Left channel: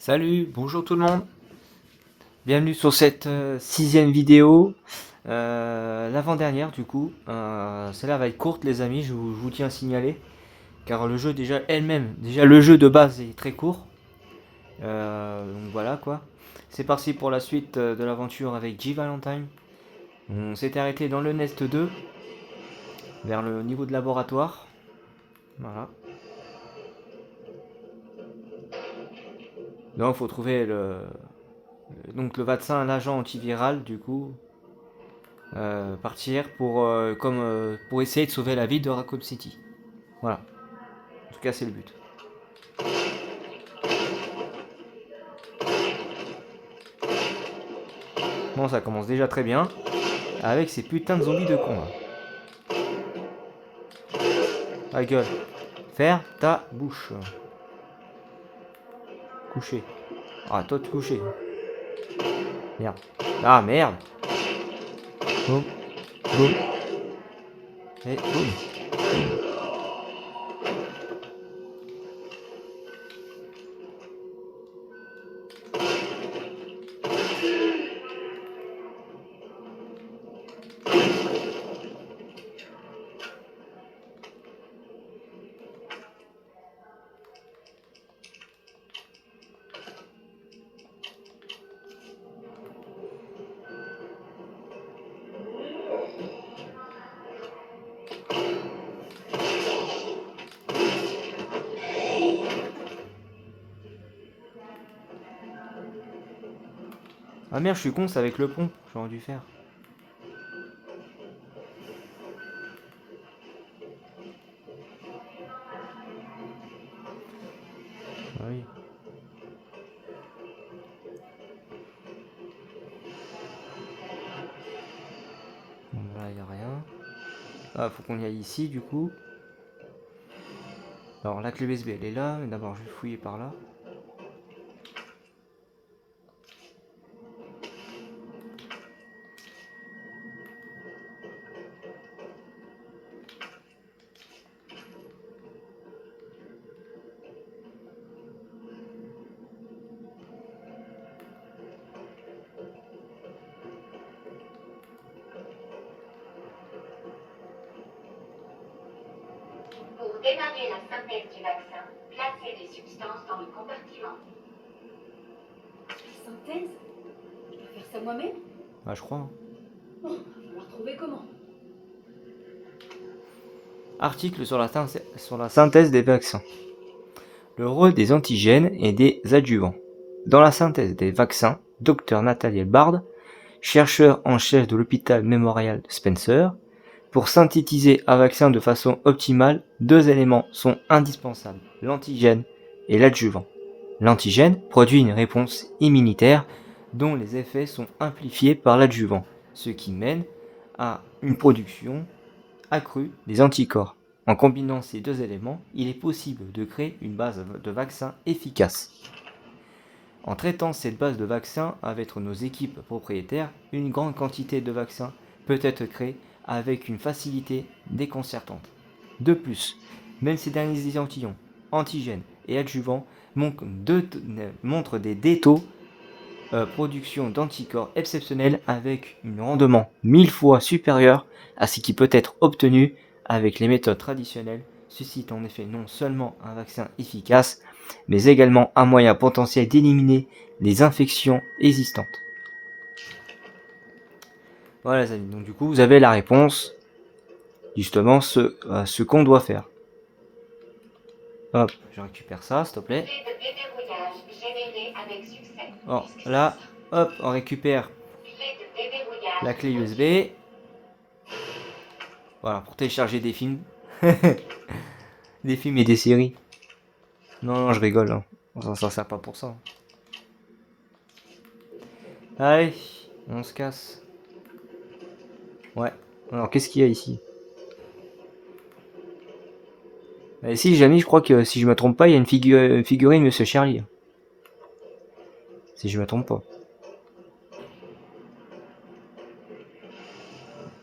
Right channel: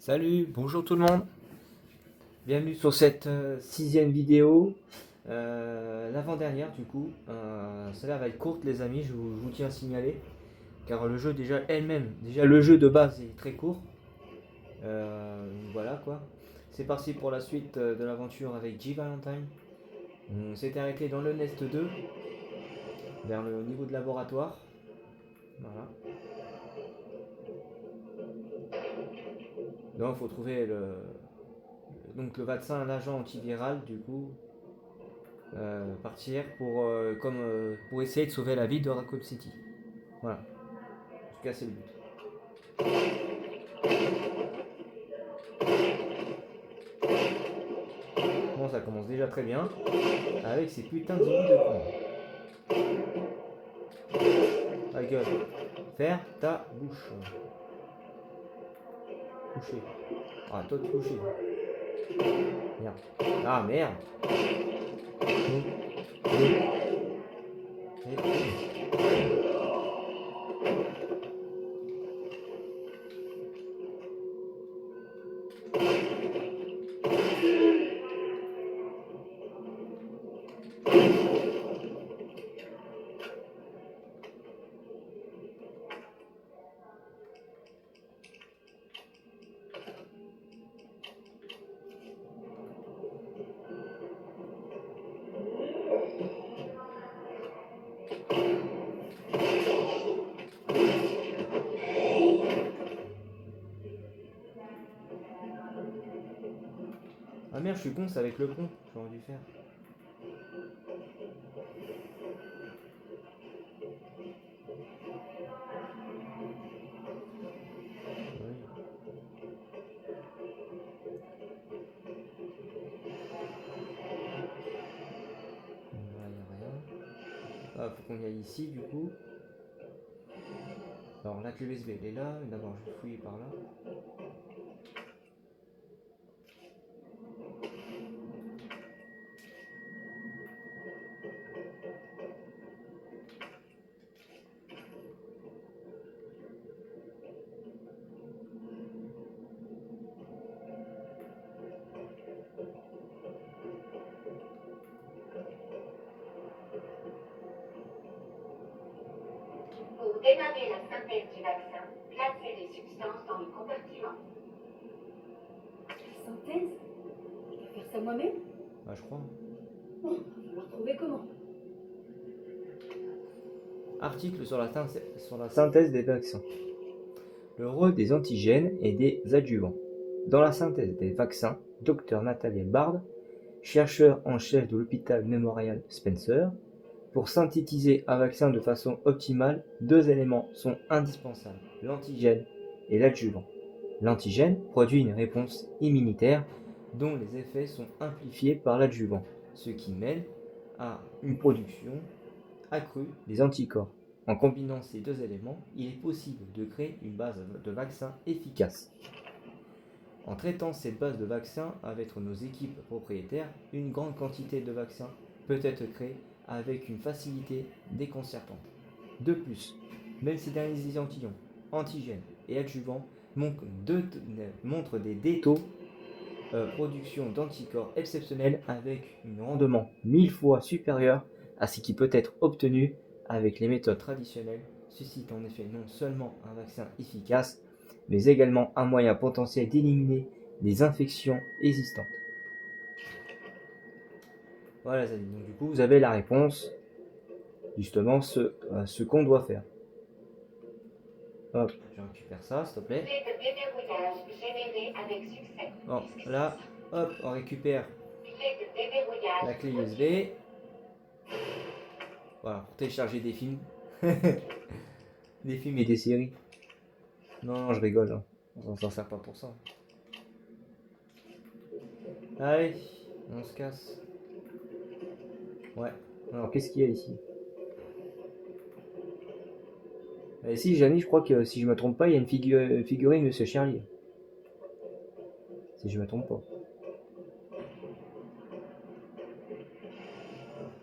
Salut, bonjour tout le monde. Bienvenue sur cette sixième vidéo, l'avant-dernière du coup. Celle-là va être courte les amis, je vous tiens à signaler, car le jeu déjà le jeu de base est très court. Donc voilà quoi. C'est parti pour la suite de l'aventure avec G Valentine. On s'était arrêté dans le Nest 2, vers le niveau de laboratoire. Voilà. Donc il faut trouver le vaccin, l'agent antiviral du coup. Partir pour essayer de sauver la vie de Raccoon City. Voilà. En tout cas, c'est le but. Bon, ça commence déjà très bien. Avec ces putains de zombies de con. La gueule. Faire ta bouche. Coucher. Ah, toi de coucher. Merde. Ah, merde. Boum. Boum. Et boum. Ah merde, je suis con, c'est avec le pont. J'aurais dû faire. Ah oui. Là, y a rien. Ah, faut qu'on y aille ici du coup. Alors, la clé USB, elle est là. Mais d'abord, je vais fouiller par là. Pour démarrer la synthèse du vaccin, placez les substances dans le compartiment. La synthèse? Je dois faire ça moi-même? Ah, je crois. Hein. Bon, il va falloir trouver comment. Article sur la synthèse des vaccins. Le rôle des antigènes et des adjuvants. Dans la synthèse des vaccins, Dr Nathaniel Bard, chercheur en chef de l'hôpital Memorial Spencer, pour synthétiser un vaccin de façon optimale, deux éléments sont indispensables, l'antigène et l'adjuvant. L'antigène produit une réponse immunitaire dont les effets sont amplifiés par l'adjuvant, ce qui mène à une production accrue des anticorps. En combinant ces deux éléments, il est possible de créer une base de vaccin efficace. En traitant cette base de vaccins avec nos équipes propriétaires, une grande quantité de vaccins peut être créée avec une facilité déconcertante. De plus, même ces derniers échantillons, antigènes et adjuvants, montrent des taux production d'anticorps exceptionnels avec un rendement 1000 fois supérieur à ce qui peut être obtenu avec les méthodes traditionnelles, suscite en effet non seulement un vaccin efficace, mais également un moyen potentiel d'éliminer les infections existantes. Voilà les amis, donc du coup vous avez la réponse, justement ce qu'on doit faire. Hop, je récupère ça s'il te plaît. Clé de déverrouillage générée avec succès. Bon, Qu'est-ce que c'est là, que ça? hop, on récupère Clé de déverrouillage la clé retirée. USB. Voilà, pour télécharger des films. Des films et des séries. Non, non, je rigole. Hein. On s'en sert pas pour ça. Allez, on se casse. Ouais. Alors, qu'est-ce qu'il y a ici? Ici, j'ai mis, je crois que si je me trompe pas, il y a une figurine Monsieur Charlie. Si je me trompe pas.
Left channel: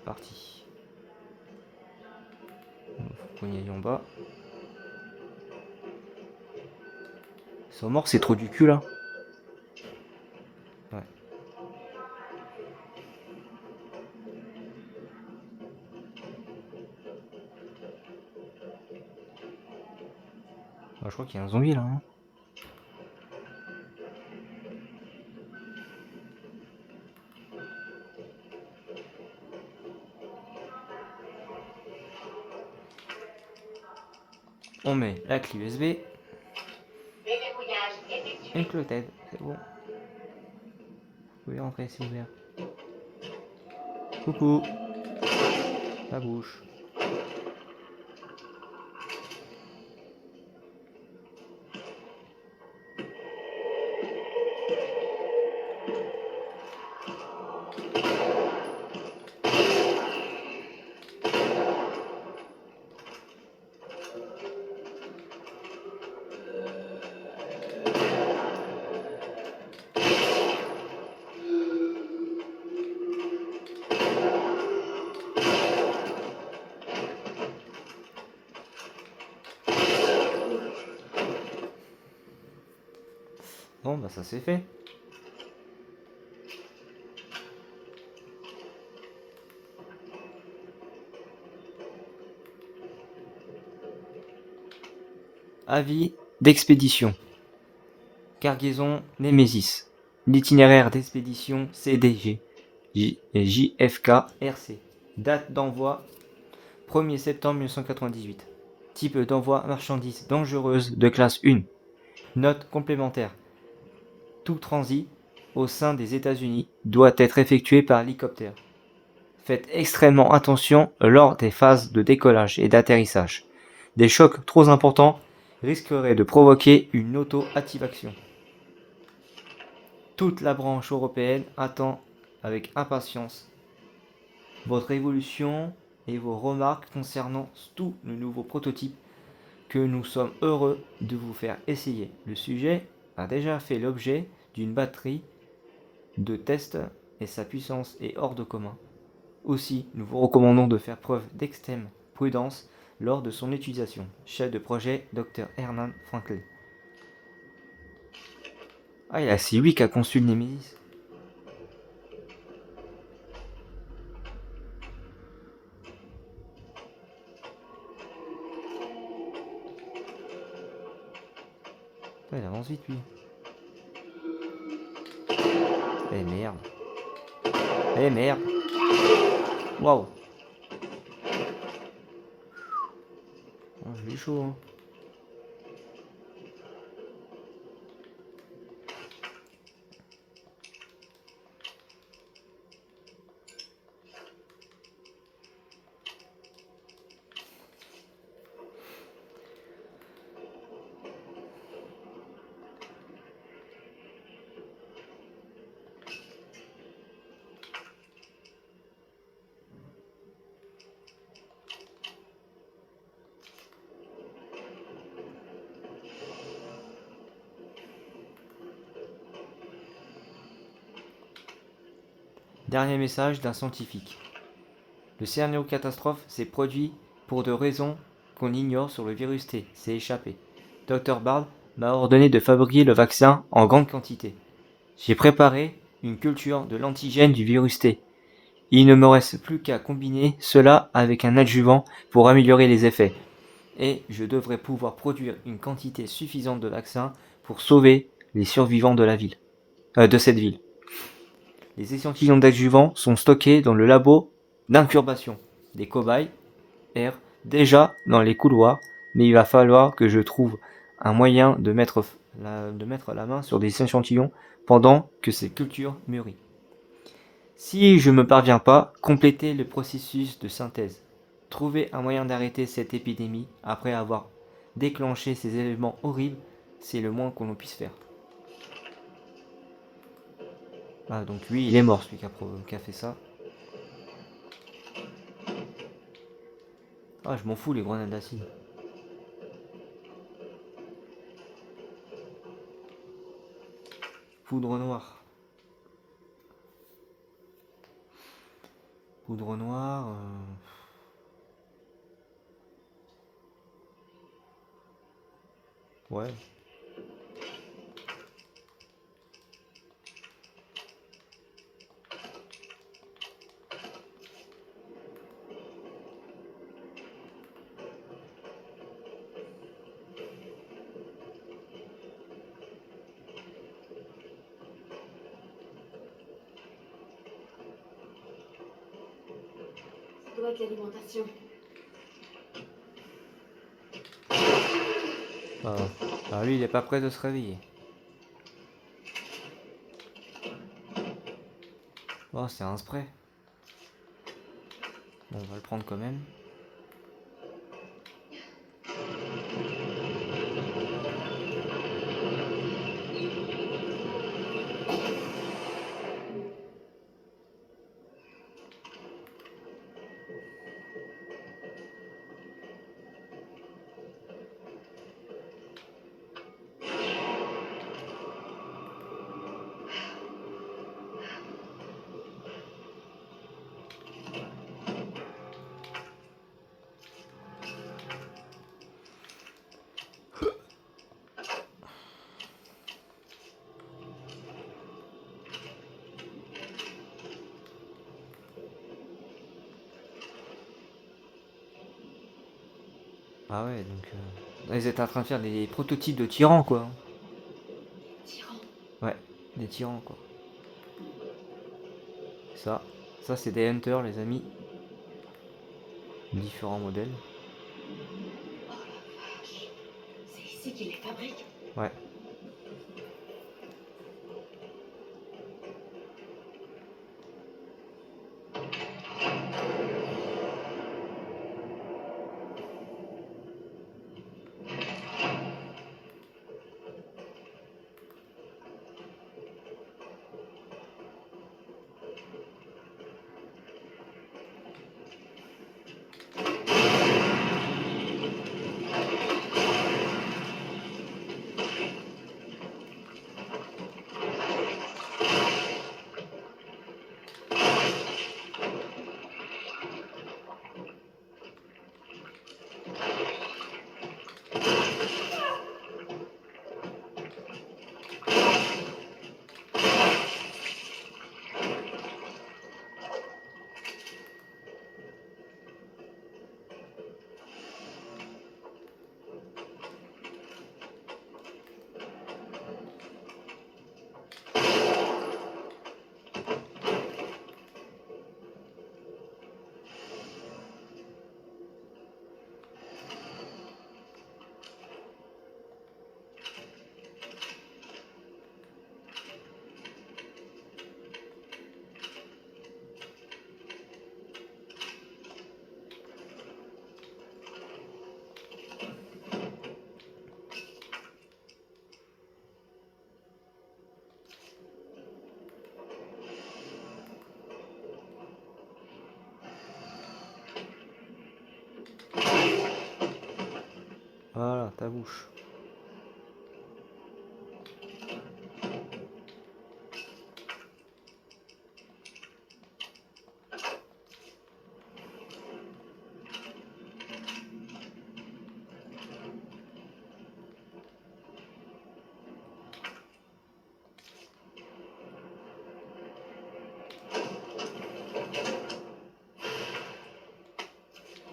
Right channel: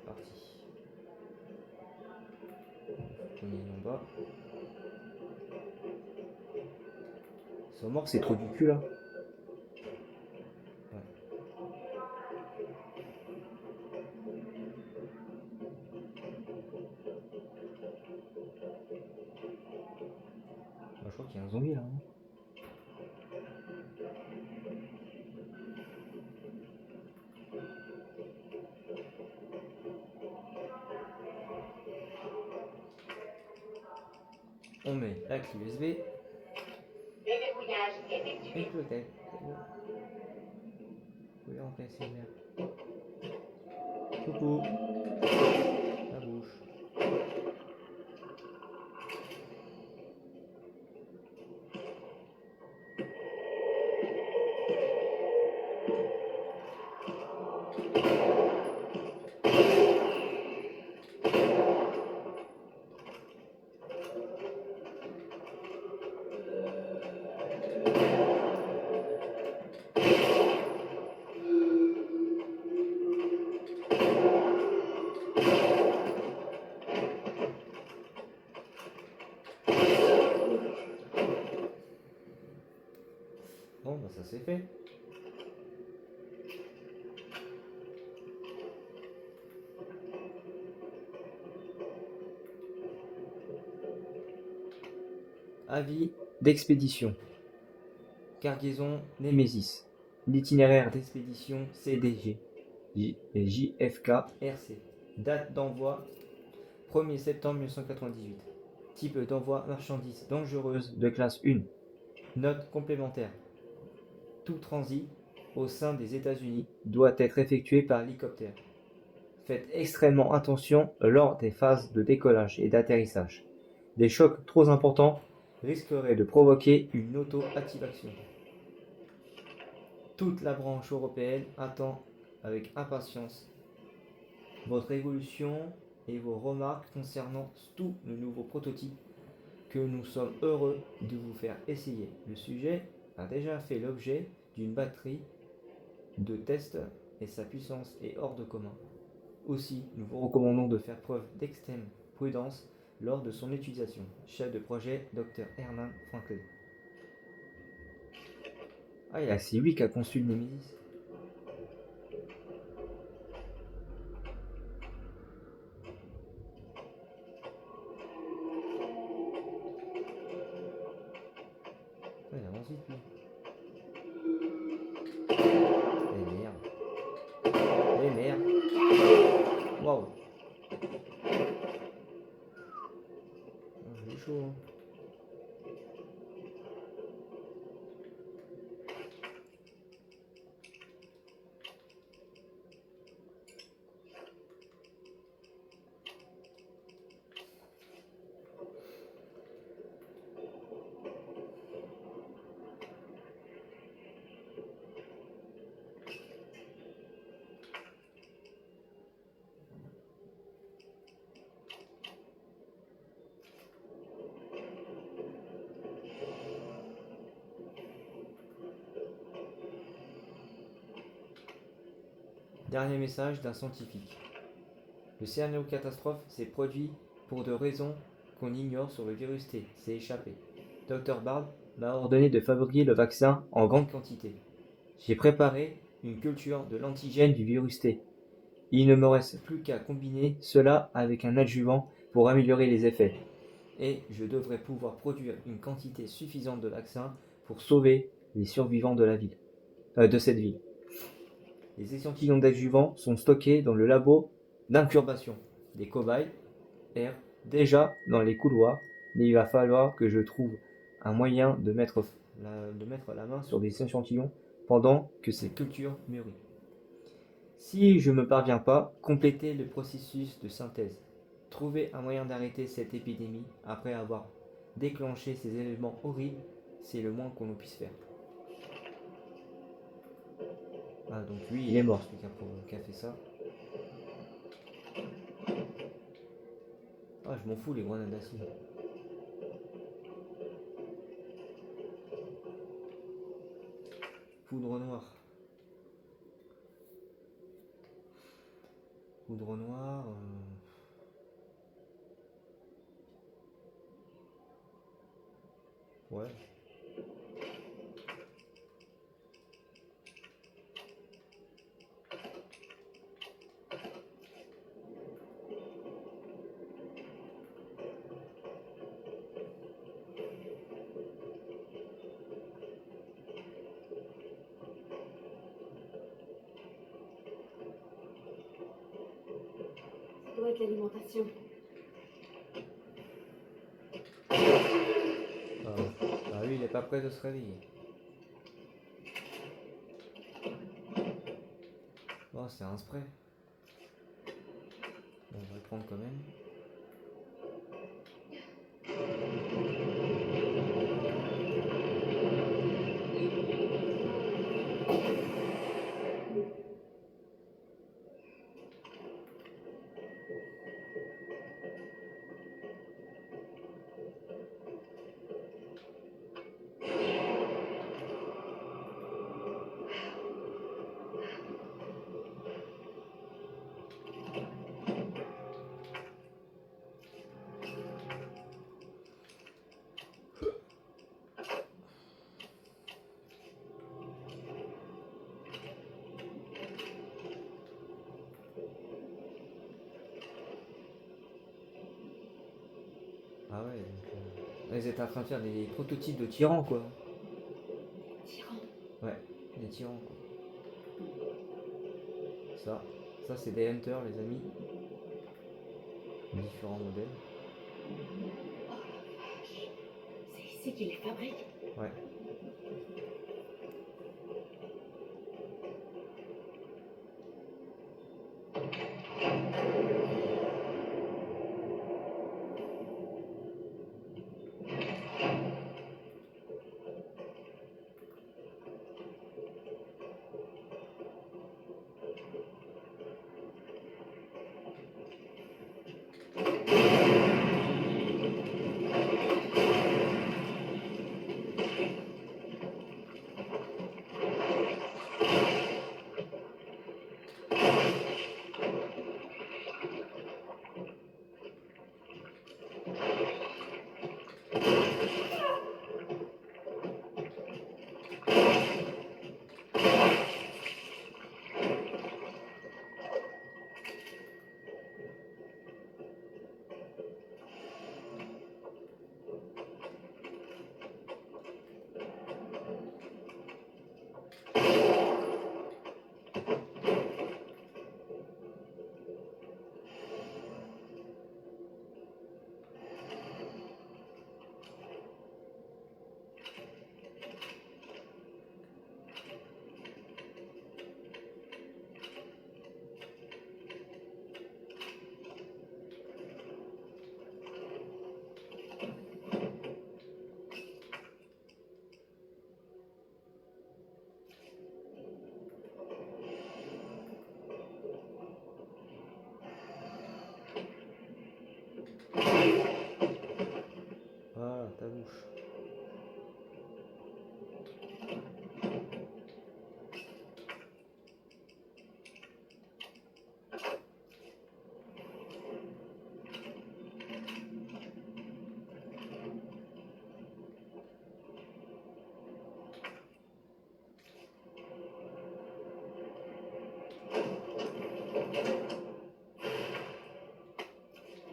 Parti. Faut qu'on y aille en bas. Sont morts, c'est trop du cul là. zombies là. Hein. On met la clé USB. Déverrouillage effectué. Une clôtette, c'est bon. Vous pouvez rentrer c'est ouvert. Coucou. La bouche. Bon bah ça c'est fait. Avis d'expédition. Cargaison Némésis. L'itinéraire d'expédition CDG. JFK RC. Date d'envoi 1er septembre 1998. Type d'envoi marchandises dangereuses de classe 1. Note complémentaire. Tout transit au sein des États-Unis doit être effectué par hélicoptère. Faites extrêmement attention lors des phases de décollage et d'atterrissage. Des chocs trop importants risqueraient de provoquer une auto-activation. Toute la branche européenne attend avec impatience votre évolution et vos remarques concernant tout le nouveau prototype que nous sommes heureux de vous faire essayer. Le sujet a déjà fait l'objet d'une batterie de tests et sa puissance est hors de commun. Aussi, nous vous recommandons de faire preuve d'extrême prudence lors de son utilisation. Chef de projet, Dr. Hernan Franklin. Ah, c'est lui qui a conçu le Nemesis. Ouais, il avance vite, lui. Eh merde. Eh merde. Waouh. Oh, j'ai chaud, hein. Dernier message d'un scientifique. Le scénario catastrophe s'est produit pour de raisons qu'on ignore sur le virus T. C'est échappé. Dr. Bard m'a ordonné de fabriquer le vaccin en grande quantité. J'ai préparé une culture de l'antigène du virus T. Il ne me reste plus qu'à combiner cela avec un adjuvant pour améliorer les effets. Et je devrais pouvoir produire une quantité suffisante de vaccin pour sauver les survivants de cette ville. Les échantillons d'adjuvants sont stockés dans le labo d'incubation des cobayes errent déjà dans les couloirs, mais il va falloir que je trouve un moyen de mettre la main sur des échantillons pendant que ces cultures mûrissent. Si je ne me parviens pas, complétez le processus de synthèse. Trouver un moyen d'arrêter cette épidémie après avoir déclenché ces événements horribles, c'est le moins qu'on puisse faire. Ah, donc lui, il est mort, celui qui a fait ça. Ah, je m'en fous, les grenades d'acide. Poudre noire. Poudre noire. Ouais. doit être l'alimentation. Alors lui, il est pas prêt de se réveiller. Oh, c'est un spray. Bon, on va le prendre quand même. Ah ouais, donc ils étaient en train de faire des prototypes de tyrans, quoi. Tyran. Ouais, des tyrans, quoi. Ça c'est des hunters, les amis. Différents modèles. Oh la vache. C'est ici qu'ils les fabriquent. Ouais. Voilà, ta bouche.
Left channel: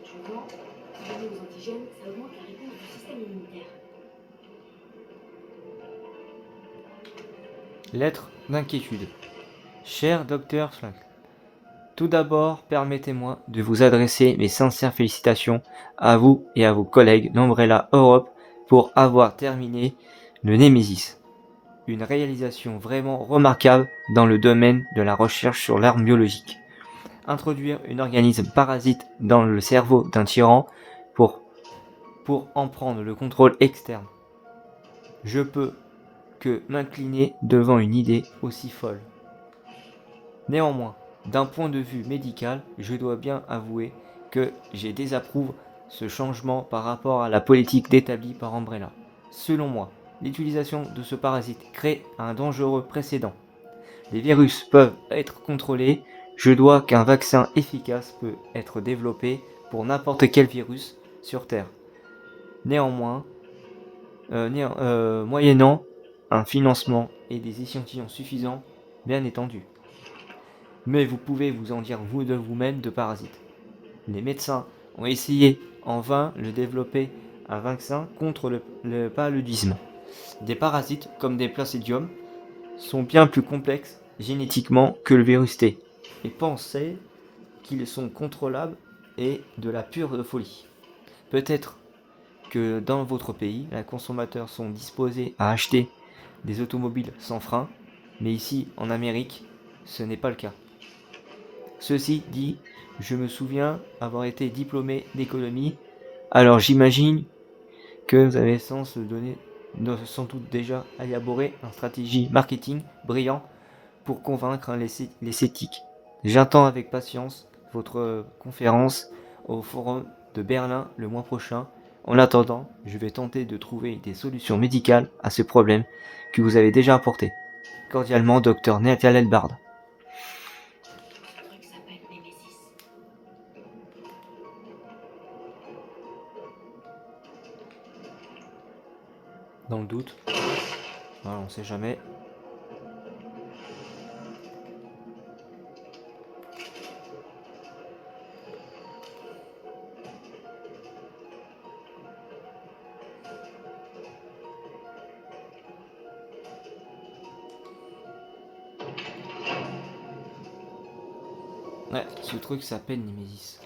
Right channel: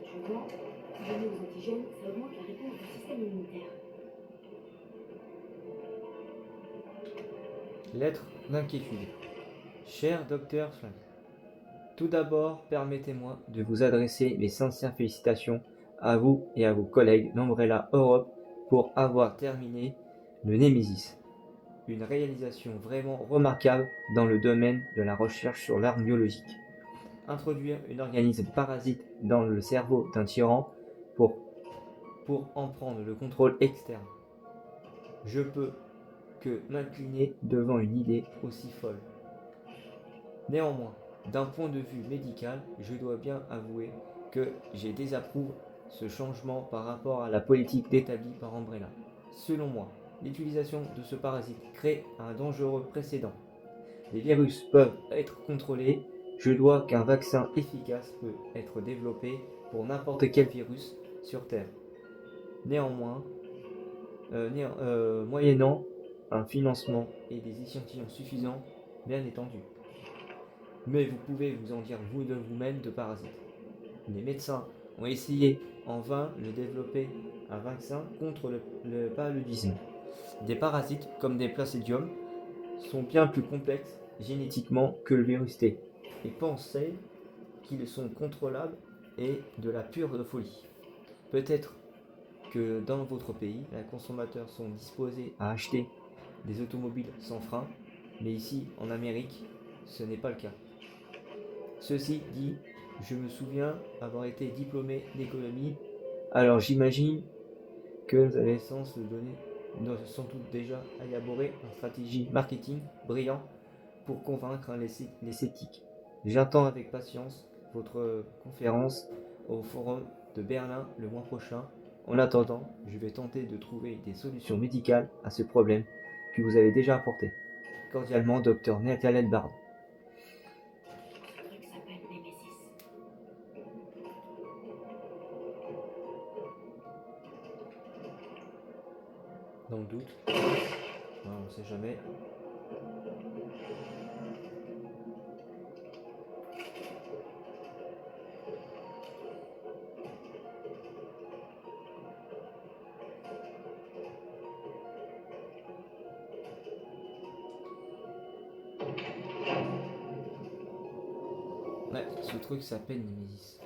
Tu vois, donner aux antigènes, ça augmente la réponse du système immunitaire. Lettre d'inquiétude. Cher docteur Flink, tout d'abord, permettez-moi de vous adresser mes sincères félicitations à vous et à vos collègues d'Umbrella Europe pour avoir terminé le Nemesis. Une réalisation vraiment remarquable dans le domaine de la recherche sur l'arme biologique. Introduire un organisme parasite dans le cerveau d'un tyran pour en prendre le contrôle externe. Je peux que m'incliner devant une idée aussi folle. Néanmoins, d'un point de vue médical, je dois bien avouer que j'ai désapprouvé ce changement par rapport à la politique établie par Umbrella. Selon moi, l'utilisation de ce parasite crée un dangereux précédent. Les virus peuvent être contrôlés, je dois qu'un vaccin efficace peut être développé pour n'importe quel virus sur Terre. Néanmoins, moyennant un financement et des échantillons suffisants, bien étendus. Mais vous pouvez vous en dire vous de vous-même de parasites. Les médecins ont essayé en vain de développer un vaccin contre le paludisme. Des parasites comme des placidiums sont bien plus complexes génétiquement que le virus T et pensaient qu'ils sont contrôlables est de la pure folie. Peut-être que dans votre pays, les consommateurs sont disposés à acheter des automobiles sans frein, mais ici, en Amérique, ce n'est pas le cas. Ceci dit, je me souviens avoir été diplômé d'économie, alors j'imagine que vous avez sans doute déjà élaboré une stratégie marketing brillant pour convaincre les sceptiques. J'attends avec patience votre conférence au Forum de Berlin le mois prochain. En attendant, je vais tenter de trouver des solutions médicales à ce problème que vous avez déjà apporté. Cordialement, Dr Nathaniel Bard. Ce truc s'appelle Némésis. Dans le doute, voilà, on sait jamais. Ouais, ce truc s'appelle Némésis.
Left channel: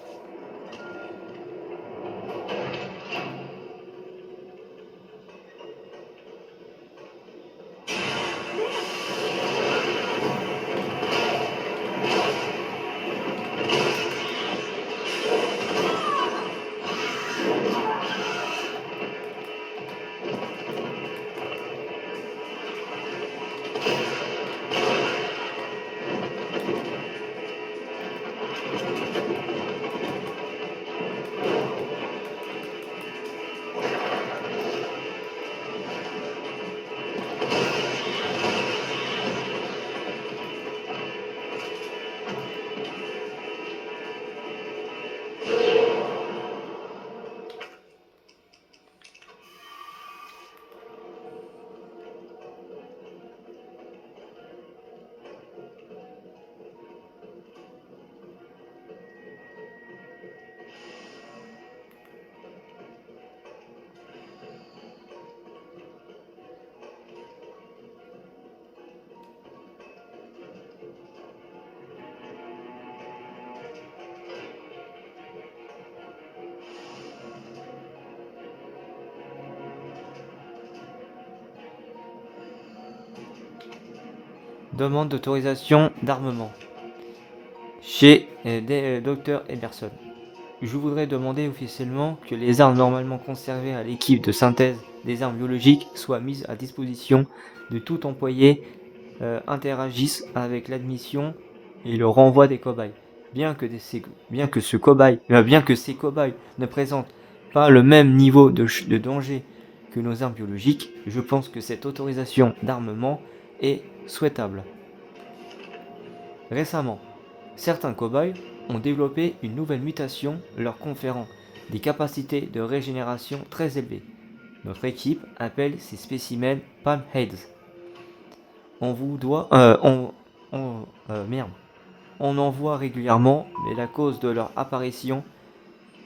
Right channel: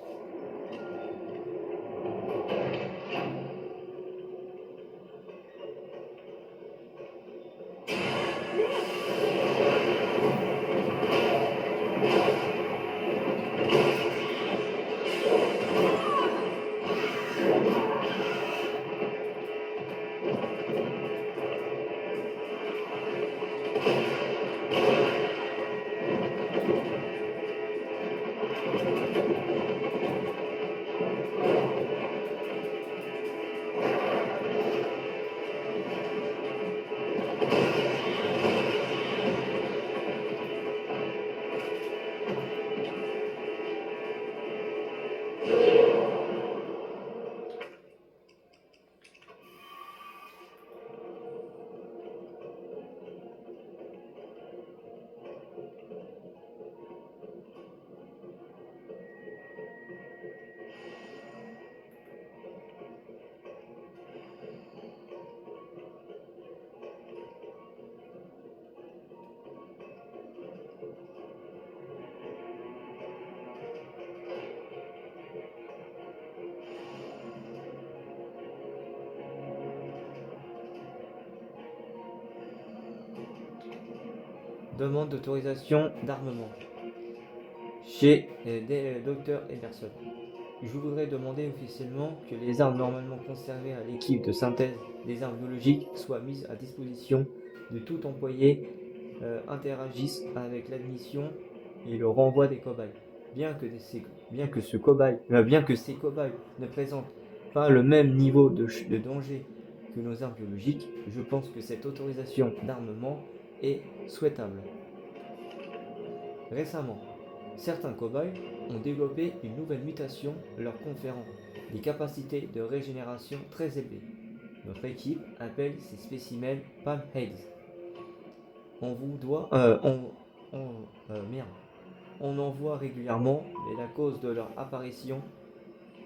Demande d'autorisation d'armement chez Dr Emerson. Je voudrais demander officiellement que les armes normalement conservées à l'équipe de synthèse des armes biologiques soient mises à disposition de tout employé interagissent avec l'admission et le renvoi des cobayes. Bien que ces cobayes ne présentent pas le même niveau de danger que nos armes biologiques, je pense que cette autorisation d'armement est souhaitable. Récemment, certains cobayes ont développé une nouvelle mutation leur conférant des capacités de régénération très élevées. Notre équipe appelle ces spécimens Palmheads. On en voit régulièrement, mais la cause de leur apparition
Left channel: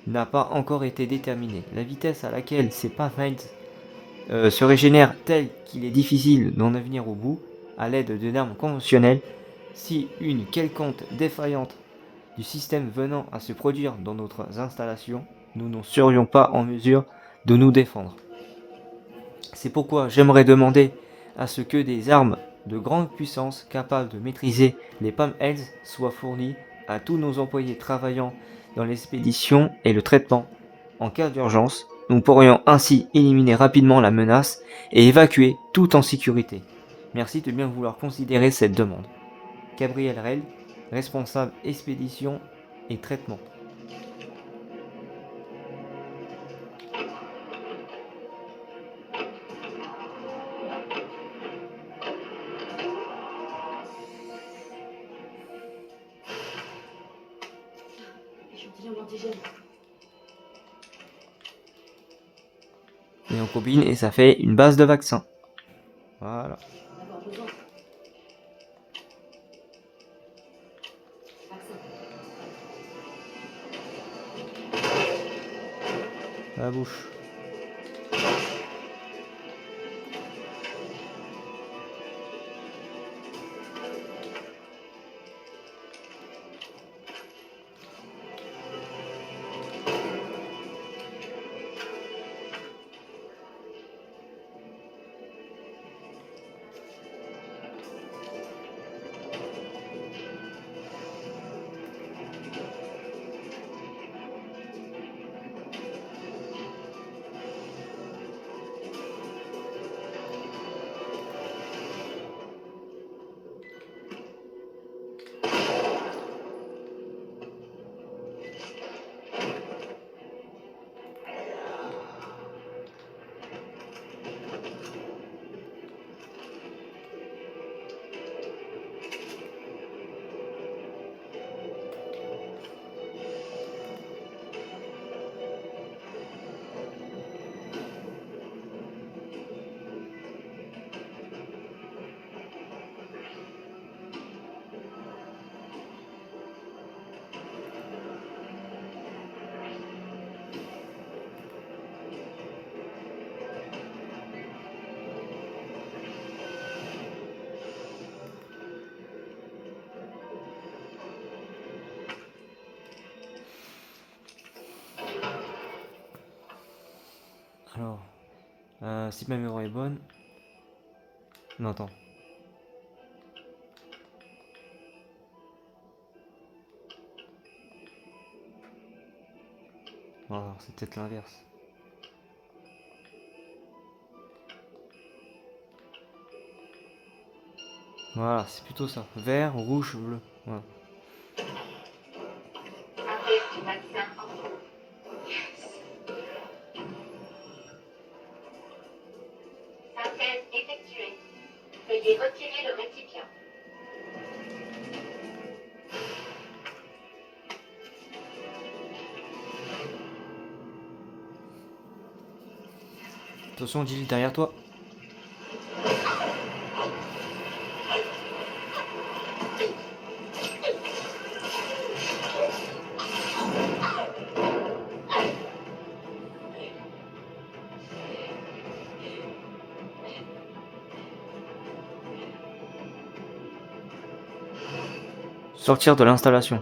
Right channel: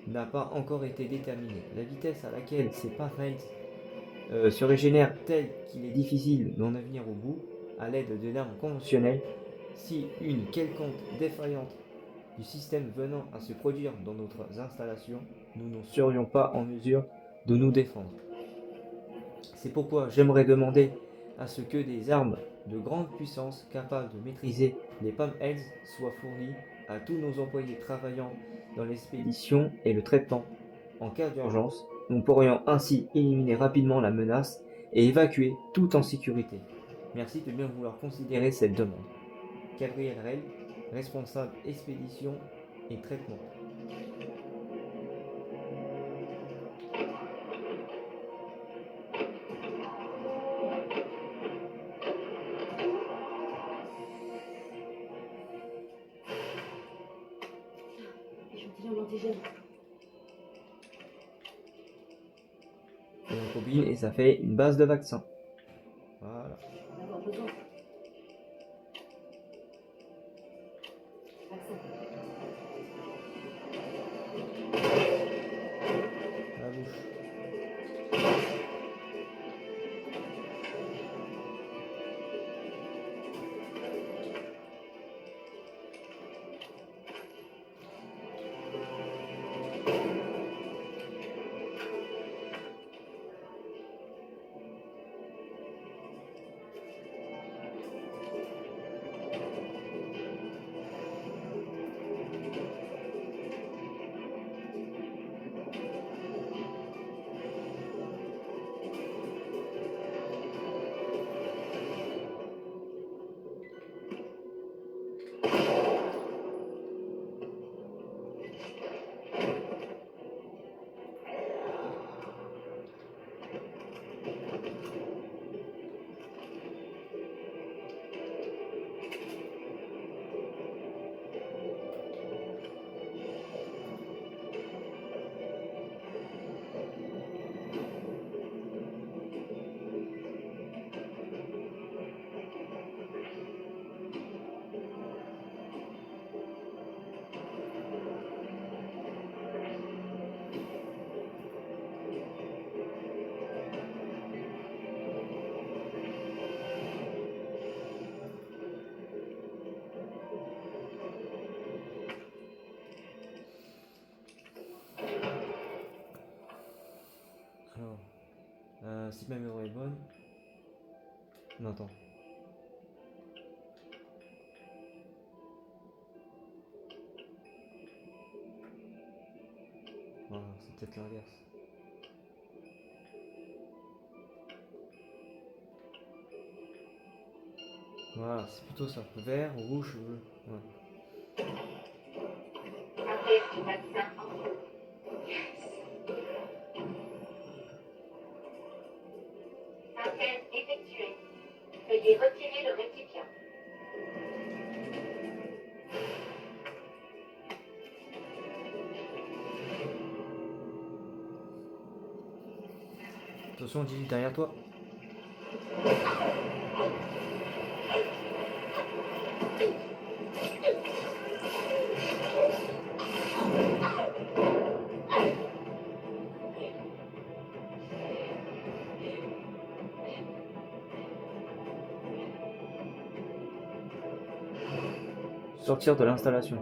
n'a pas encore été déterminée. La vitesse à laquelle ces Palmheads se régénèrent telle qu'il est difficile d'en venir au bout à l'aide de armes conventionnelles. Si une quelconque défaillante du système venant à se produire dans notre installation, nous ne serions pas en mesure de nous défendre. C'est pourquoi j'aimerais demander à ce que des armes de grande puissance capables de maîtriser les Palmheads soient fournies à tous nos employés travaillant dans l'expédition et le traitement. En cas d'urgence, nous pourrions ainsi éliminer rapidement la menace et évacuer tout en sécurité. Merci de bien vouloir considérer cette demande. Gabriel Rell, responsable expédition et traitement. Échantillon d'antigène. Et on combine et ça fait une base de vaccin. Voilà. On va en avoir besoin. Vaccin. La bouche. si ma mémoire est bonne. Non, attends. Non, c'est peut-être l'inverse. Voilà, c'est plutôt ça. Vert, rouge, bleu. Voilà. Synthèse du vaccin en cours. Synthèse effectuée. Veuillez retirer le récipient. Attention, Gilles, derrière toi. Sortir de l'installation.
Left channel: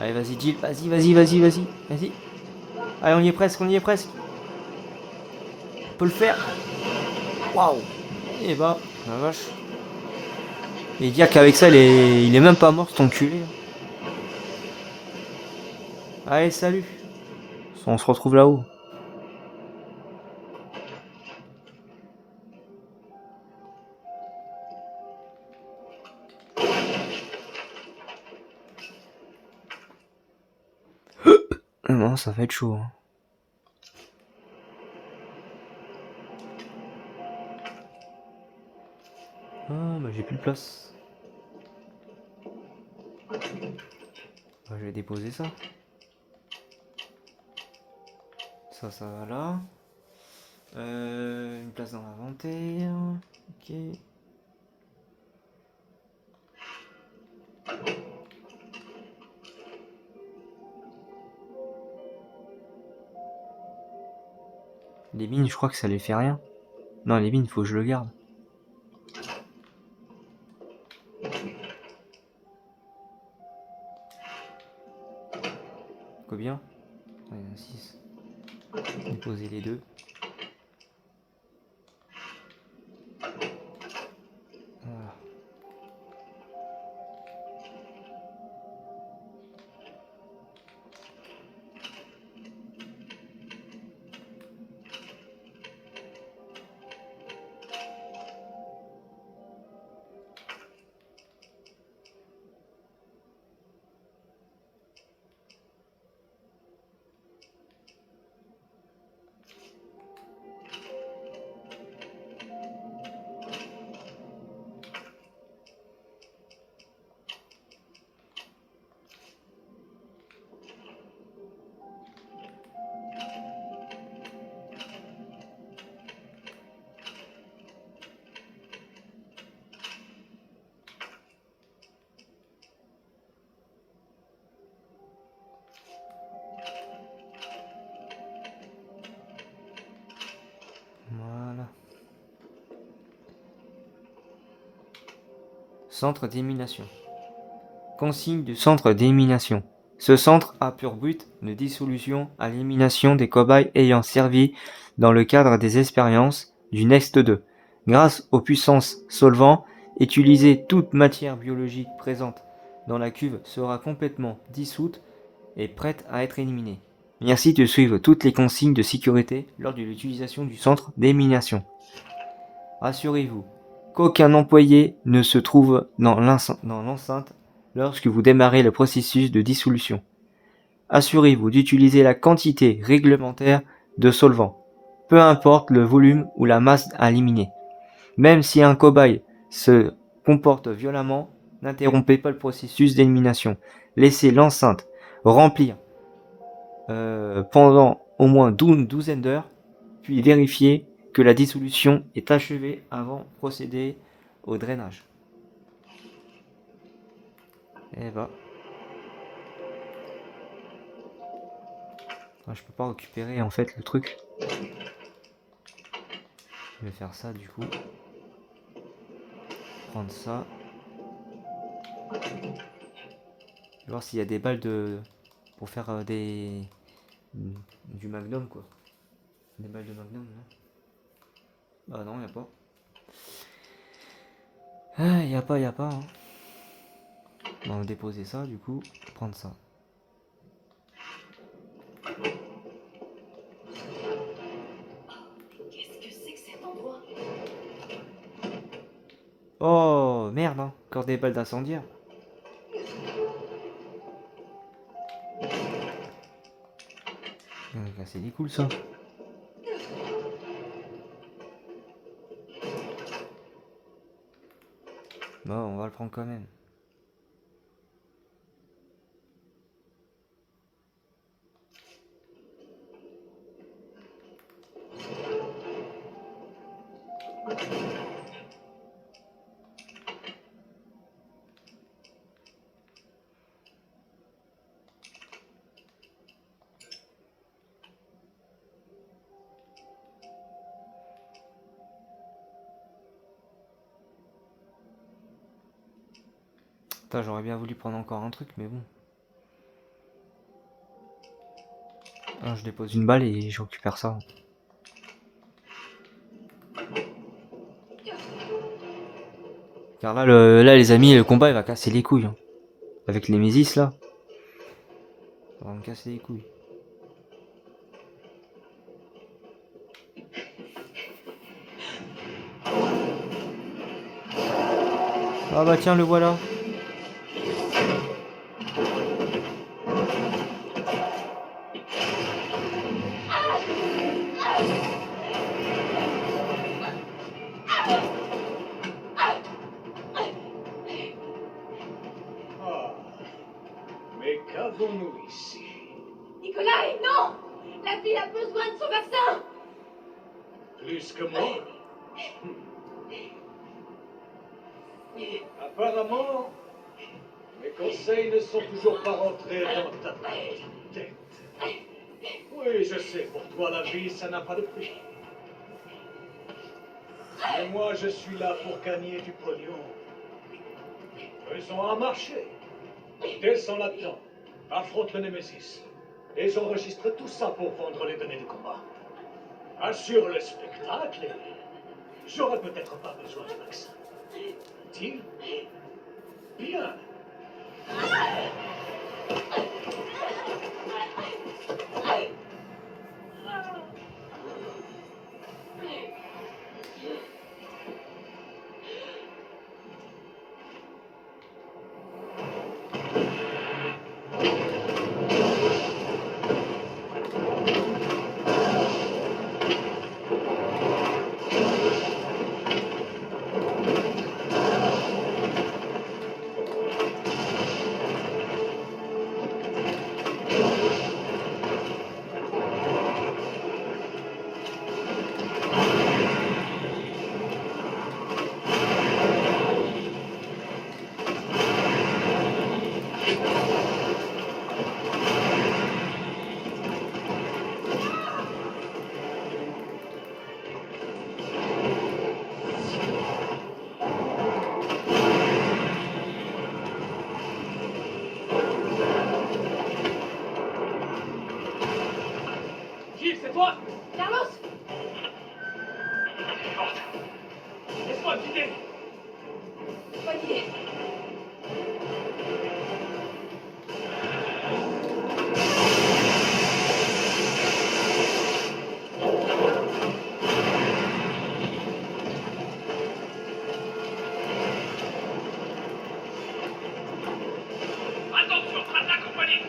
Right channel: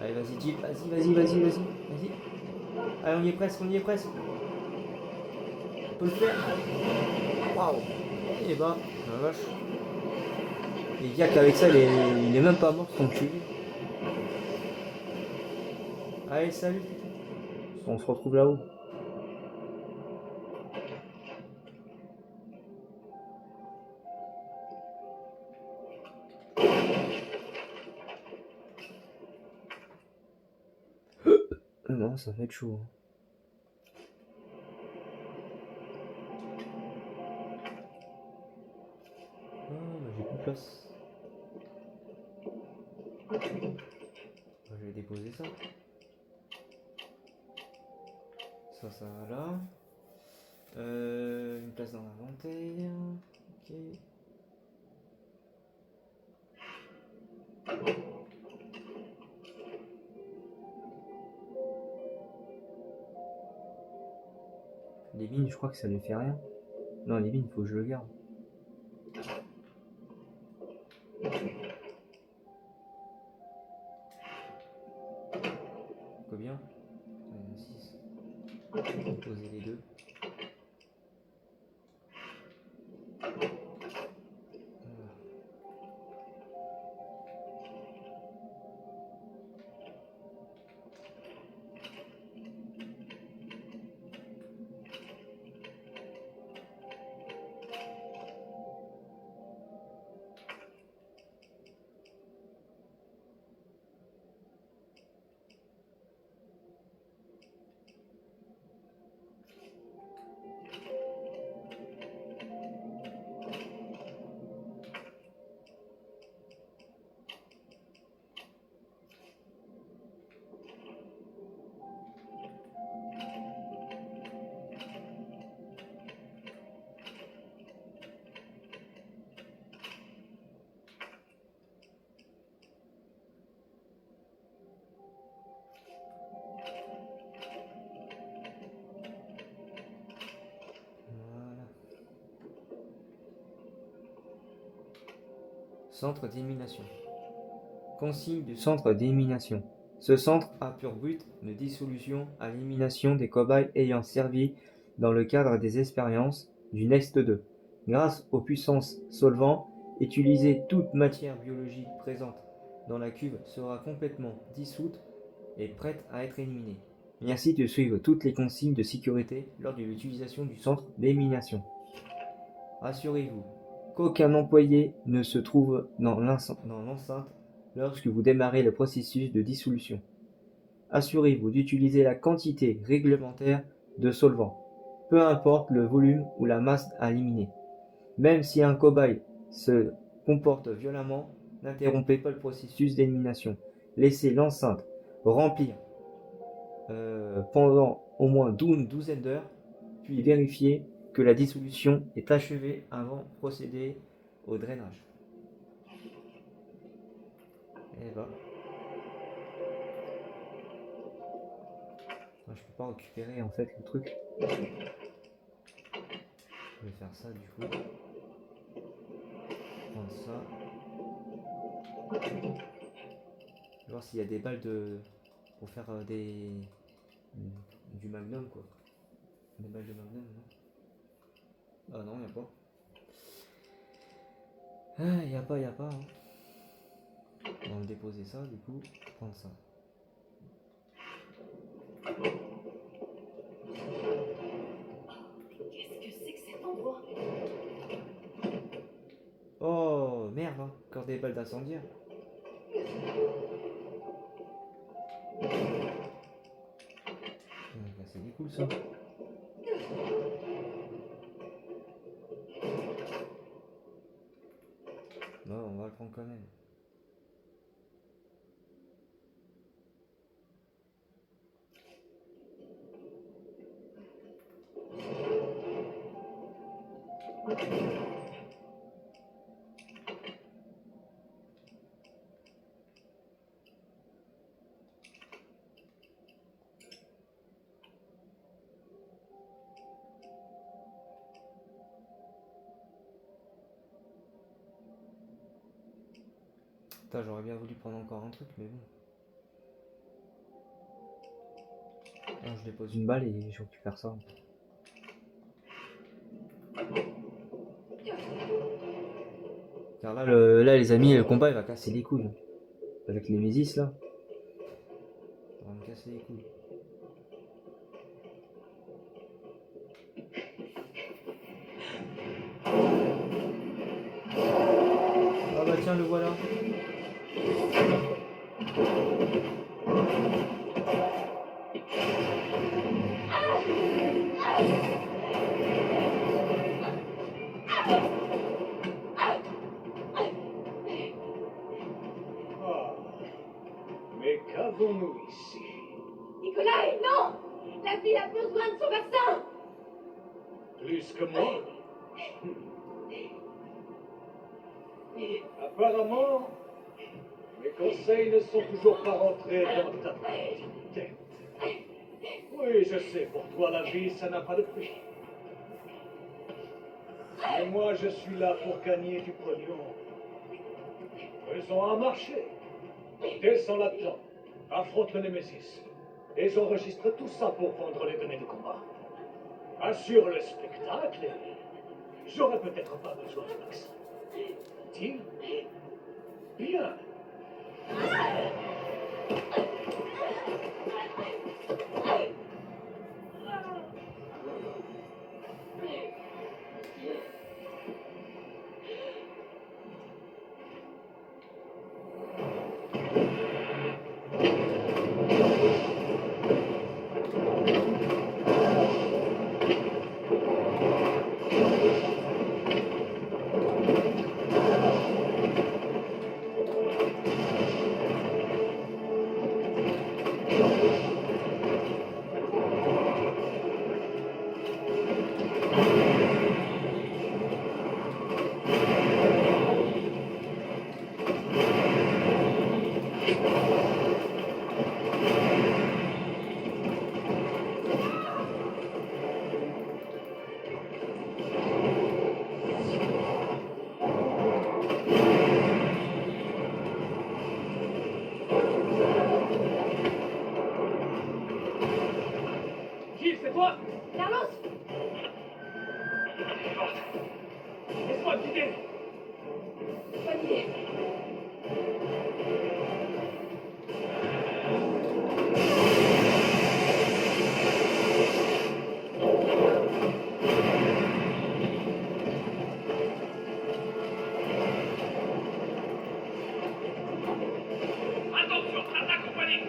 Allez, vas-y, Gilles, vas-y. Allez, on y est presque. On peut le faire. Waouh. Et bah, la vache. Et dire qu'avec ça, il est même pas mort, cet enculé. Allez, salut. On se retrouve là-haut. Non, ça va être chaud. Hein. Ah, bah j'ai plus de place. Bah, je vais déposer ça. Ça va là. Une place dans l'inventaire. Ok. Les mines, je crois que ça les fait rien. Non, les mines, faut que je le garde. Combien? Il y en a 6. Déposer les deux. Voilà. Centre d'élimination. Consigne du centre d'élimination. Ce centre a pour but de dissolution à l'élimination des cobayes ayant servi dans le cadre des expériences du Next 2. Grâce aux puissances solvants, utilisées, toute matière biologique présente dans la cuve sera complètement dissoute et prête à être éliminée. Merci de suivre toutes les consignes de sécurité lors de l'utilisation du centre d'élimination. Rassurez-vous qu'aucun employé ne se trouve dans l'enceinte lorsque vous démarrez le processus de dissolution. Assurez-vous d'utiliser la quantité réglementaire de solvant. peu importe le volume ou la masse à éliminer. Même si un cobaye se comporte violemment, n'interrompez pas le processus d'élimination. Laissez l'enceinte remplir pendant au moins une douzaine d'heures, puis vérifiez que la dissolution est achevée avant de procéder au drainage. Et bah. Je peux pas récupérer en fait le truc. Je vais faire ça du coup. Prendre ça. Je vais voir s'il y a des balles de. Pour faire du magnum quoi. Des balles de magnum. Hein. Ah non, il n'y a pas. Ah, il n'y a pas. Hein. On va déposer ça du coup. Prendre ça. Qu'est-ce que c'est que cet endroit? Oh merde, hein. Encore des balles d'incendiaire. C'est des cool ça. Bon, on va le prendre quand même. Putain, j'aurais bien voulu prendre encore un truc, mais bon. Ah, je dépose une balle et je récupère ça. Car là, les amis, le combat il va casser les couilles. Hein. Avec les Mésis là. Ça va me casser les couilles. Ah bah tiens, le voilà. Mais qu'avons-nous ici? Nikolai, non! La ville a besoin de son vaccin! Plus que moi? Apparemment, mes conseils ne sont toujours pas rentrés dans ta petite tête. Oui, je sais, pour toi la vie, ça n'a pas de prix. Mais moi, je suis là pour gagner du pognon. Faisons un marché. Descends là-dedans, affronte le Némésis. Et j'enregistre tout ça pour vendre les données de combat. Assure le spectacle et j'aurai peut-être pas besoin de vaccin. Deal? Bien. Gilles, c'est toi? Carlos! Laisse-moi me quitter. Voyez! Attention, attaque compagnie.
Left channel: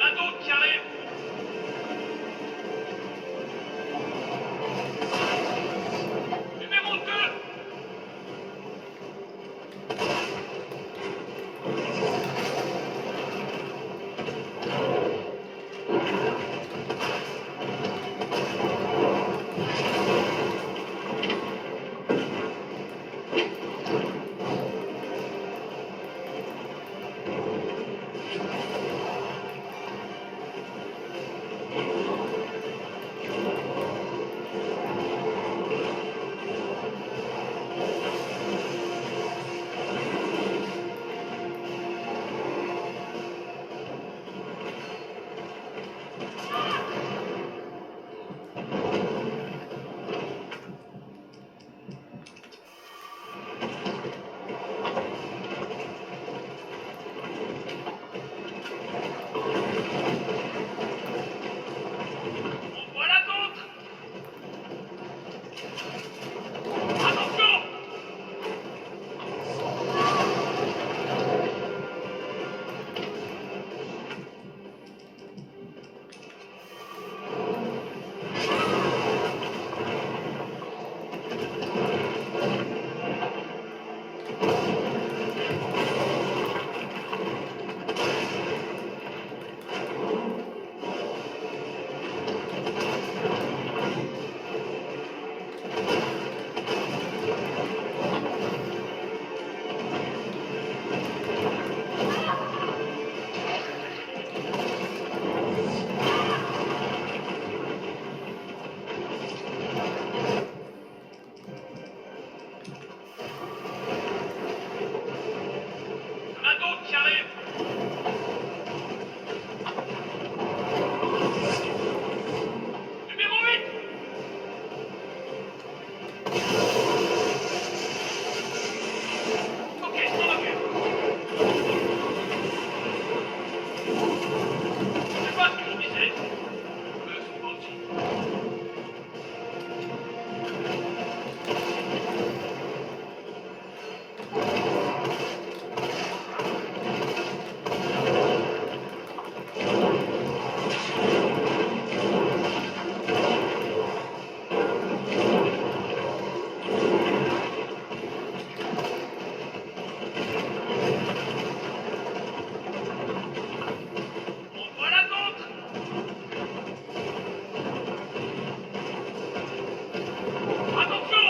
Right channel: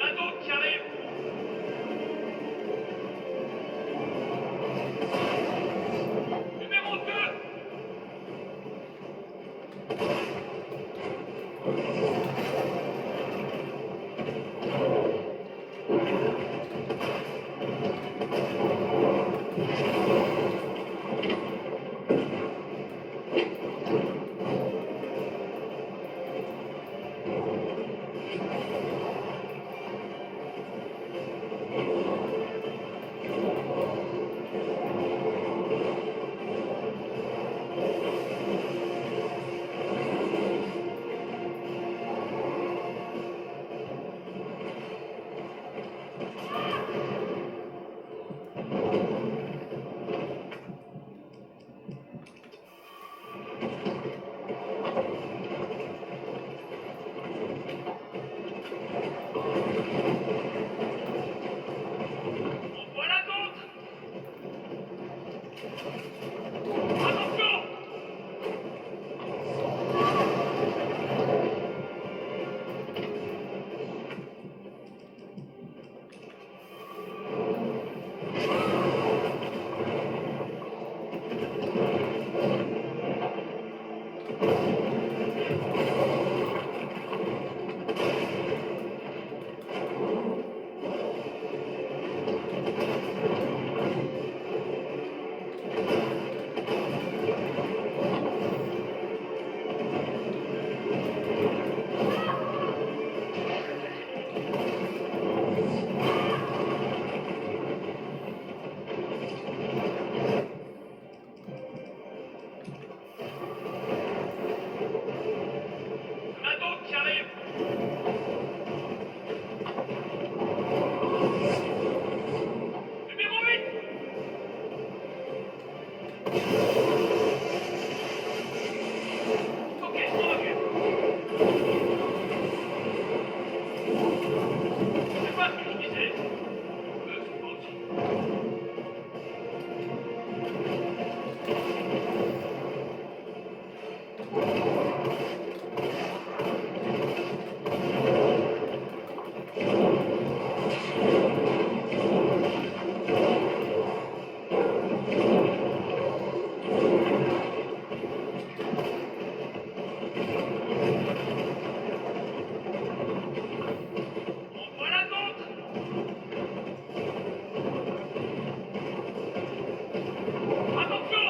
Un autre qui arrive. Numéro 2. Voilà d'autres. Attention. Un autre qui arrive. Numéro 8. Ok, je m'en occupe. C'est pas ce que je disais. Le sous-menti. Voilà d'autres. Attention.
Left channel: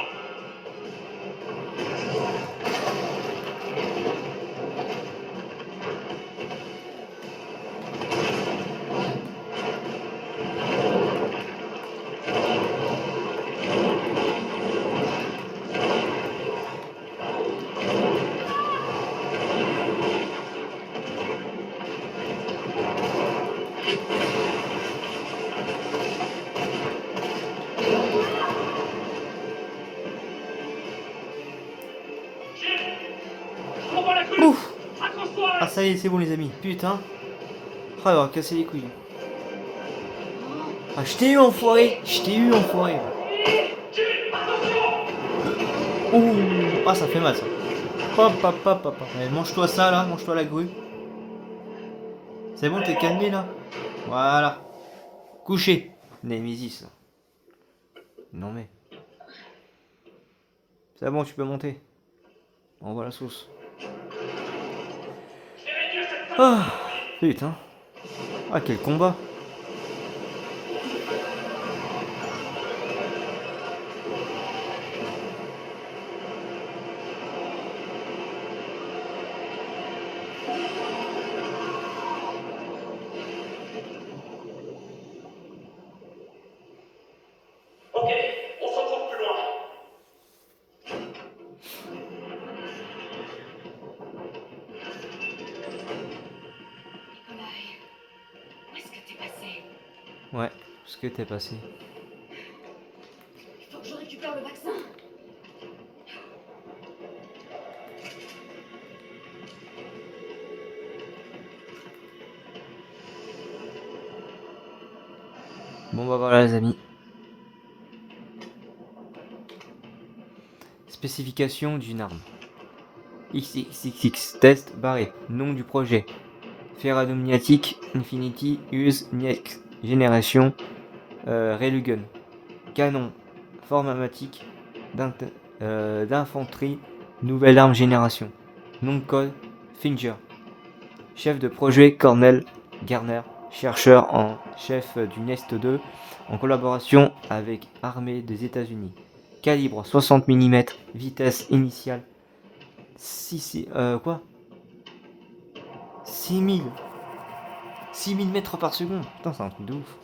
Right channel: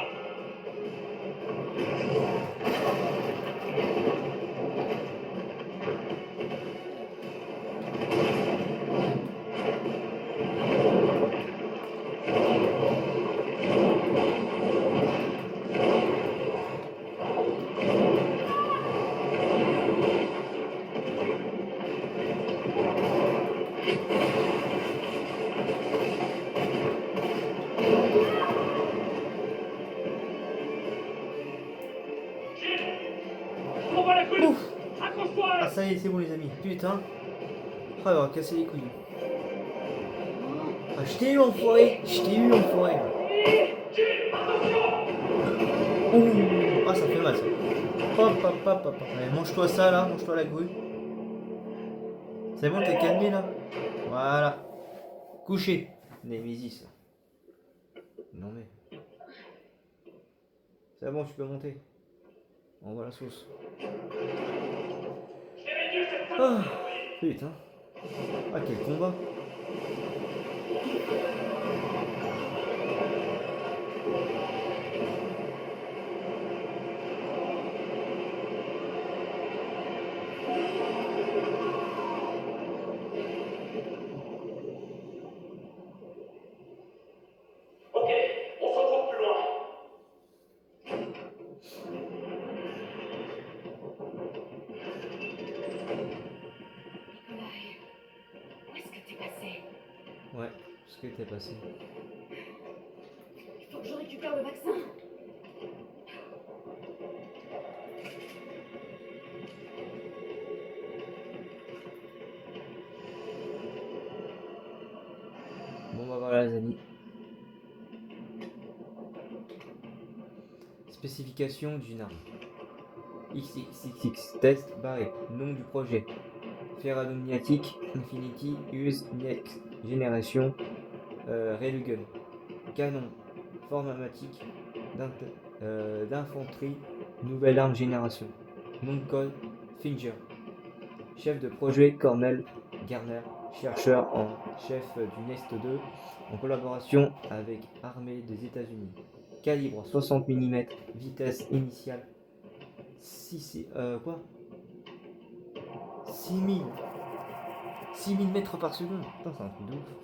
Je prends pas la queue. Ouf. Accroche-toi. Ah ça y est, c'est bon les amis. Putain. Ah, il va casser les couilles. Ah, je t'ai eu enfoiré. Je t'ai eu enfoiré. Ouh. Ah, ça fait mal ça. Hop, hop, hop, hop. Mais mange-toi ça là, mange-toi la grue. C'est bon, t'es calmé là. Voilà. Couché. Némésis. Non mais. C'est bon, tu peux monter. On voit la sauce. Ah, putain. Ah, quel combat. Ok, on se retrouve plus loin. Nikolai, où est-ce que t'es passé? Ouais, ce que t'es passé. Il faut que je récupère le vaccin. bah voilà les amis. Spécification d'une arme. XXX test barré. Nom du projet. Ferradomniatic Infinity Use Next Génération Railgun. Canon formamatique d'infanterie. Nouvelle arme génération. Nom de code Finger. Chef de projet Cornel Garner. Chercheur en chef du Nest 2 en collaboration avec Armée des États-Unis. Calibre 60 mm. Vitesse initiale 6000 mètres par seconde. Putain, c'est un truc de ouf.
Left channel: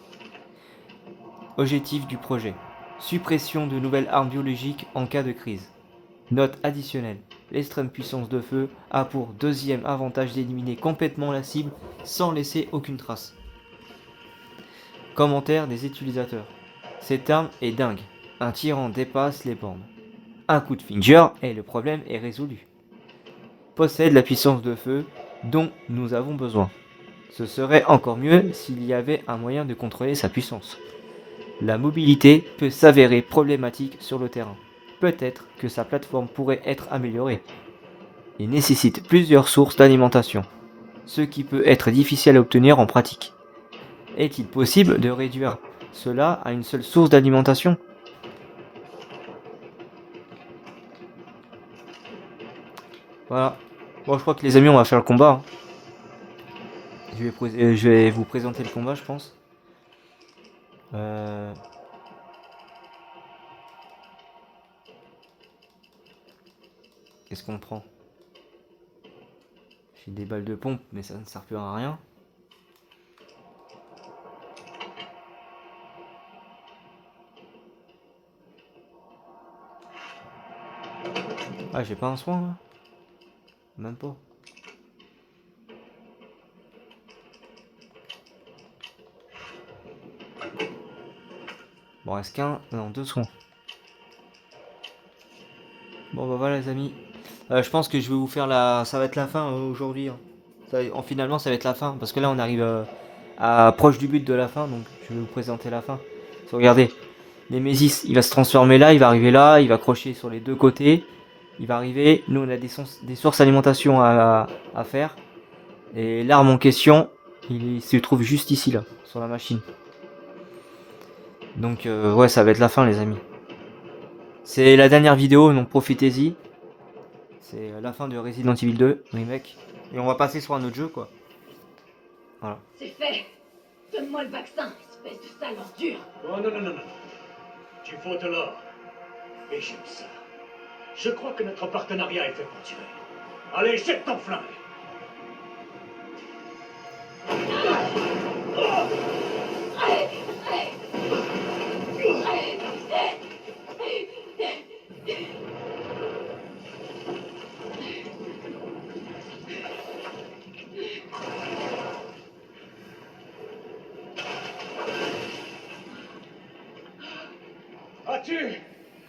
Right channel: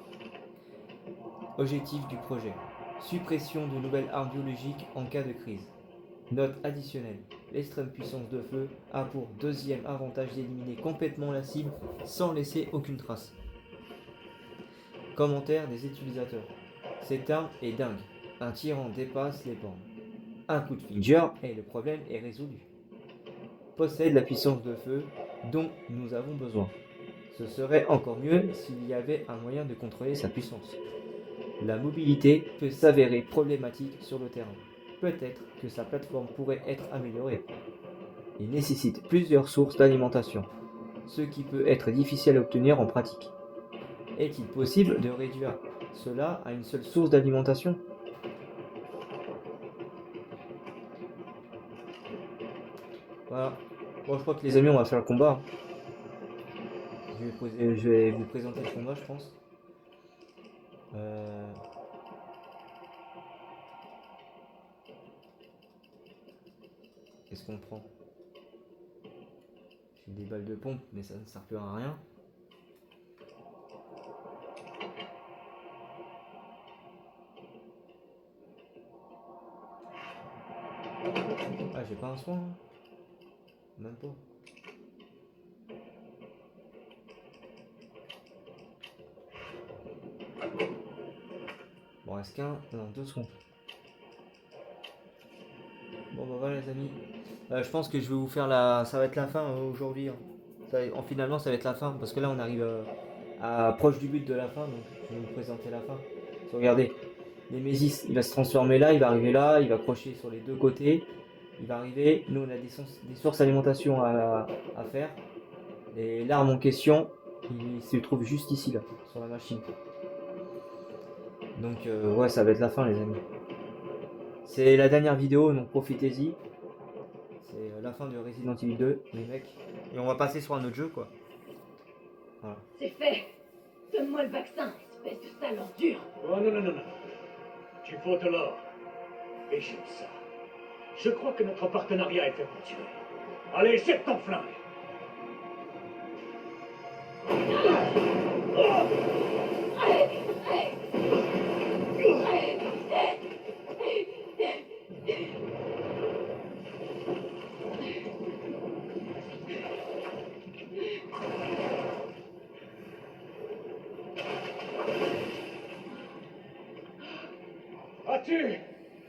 Objectif du projet. Suppression de nouvelles armes biologiques en cas de crise. Note additionnelle. L'extrême puissance de feu a pour deuxième avantage d'éliminer complètement la cible sans laisser aucune trace. Commentaire des utilisateurs. Cette arme est dingue. Un tyran dépasse les bornes. Un coup de Finger et le problème est résolu. Possède la puissance de feu dont nous avons besoin. Ce serait encore mieux s'il y avait un moyen de contrôler sa puissance. La mobilité peut s'avérer problématique sur le terrain. Peut-être que sa plateforme pourrait être améliorée. Il nécessite plusieurs sources d'alimentation, ce qui peut être difficile à obtenir en pratique. Est-il possible de réduire cela à une seule source d'alimentation ? Voilà. Bon, je crois que les amis, on va faire le combat. Je vais vous présenter le combat, je pense. Qu'est-ce qu'on prend? J'ai des balles de pompe, mais ça ne sert plus à rien. Ah, j'ai pas un soin là? Même pas. Bon, reste qu'un, non, 2 soins. Bon bah voilà les amis. Je pense que je vais vous faire ça va être la fin aujourd'hui. Finalement ça va être la fin. Parce que là on arrive proche du but de la fin. Donc je vais vous présenter la fin. Regardez. Nemesis il va se transformer là. Il va arriver là. Il va crocher sur les deux côtés. Il va arriver. Nous on a des sources d'alimentation à faire. Et l'arme en question il se trouve juste ici là. Sur la machine. Donc ouais ça va être la fin les amis. C'est la dernière vidéo, donc profitez-y. C'est la fin de Resident Evil 2 remake. Et on va passer sur un autre jeu quoi. Voilà. C'est fait. Donne-moi le vaccin, espèce de sale ordure. Oh non, non, non, non. Tu faut de l'or. Et j'aime ça. Je crois que notre partenariat est fait pour tuer. Allez, jette ton flingue.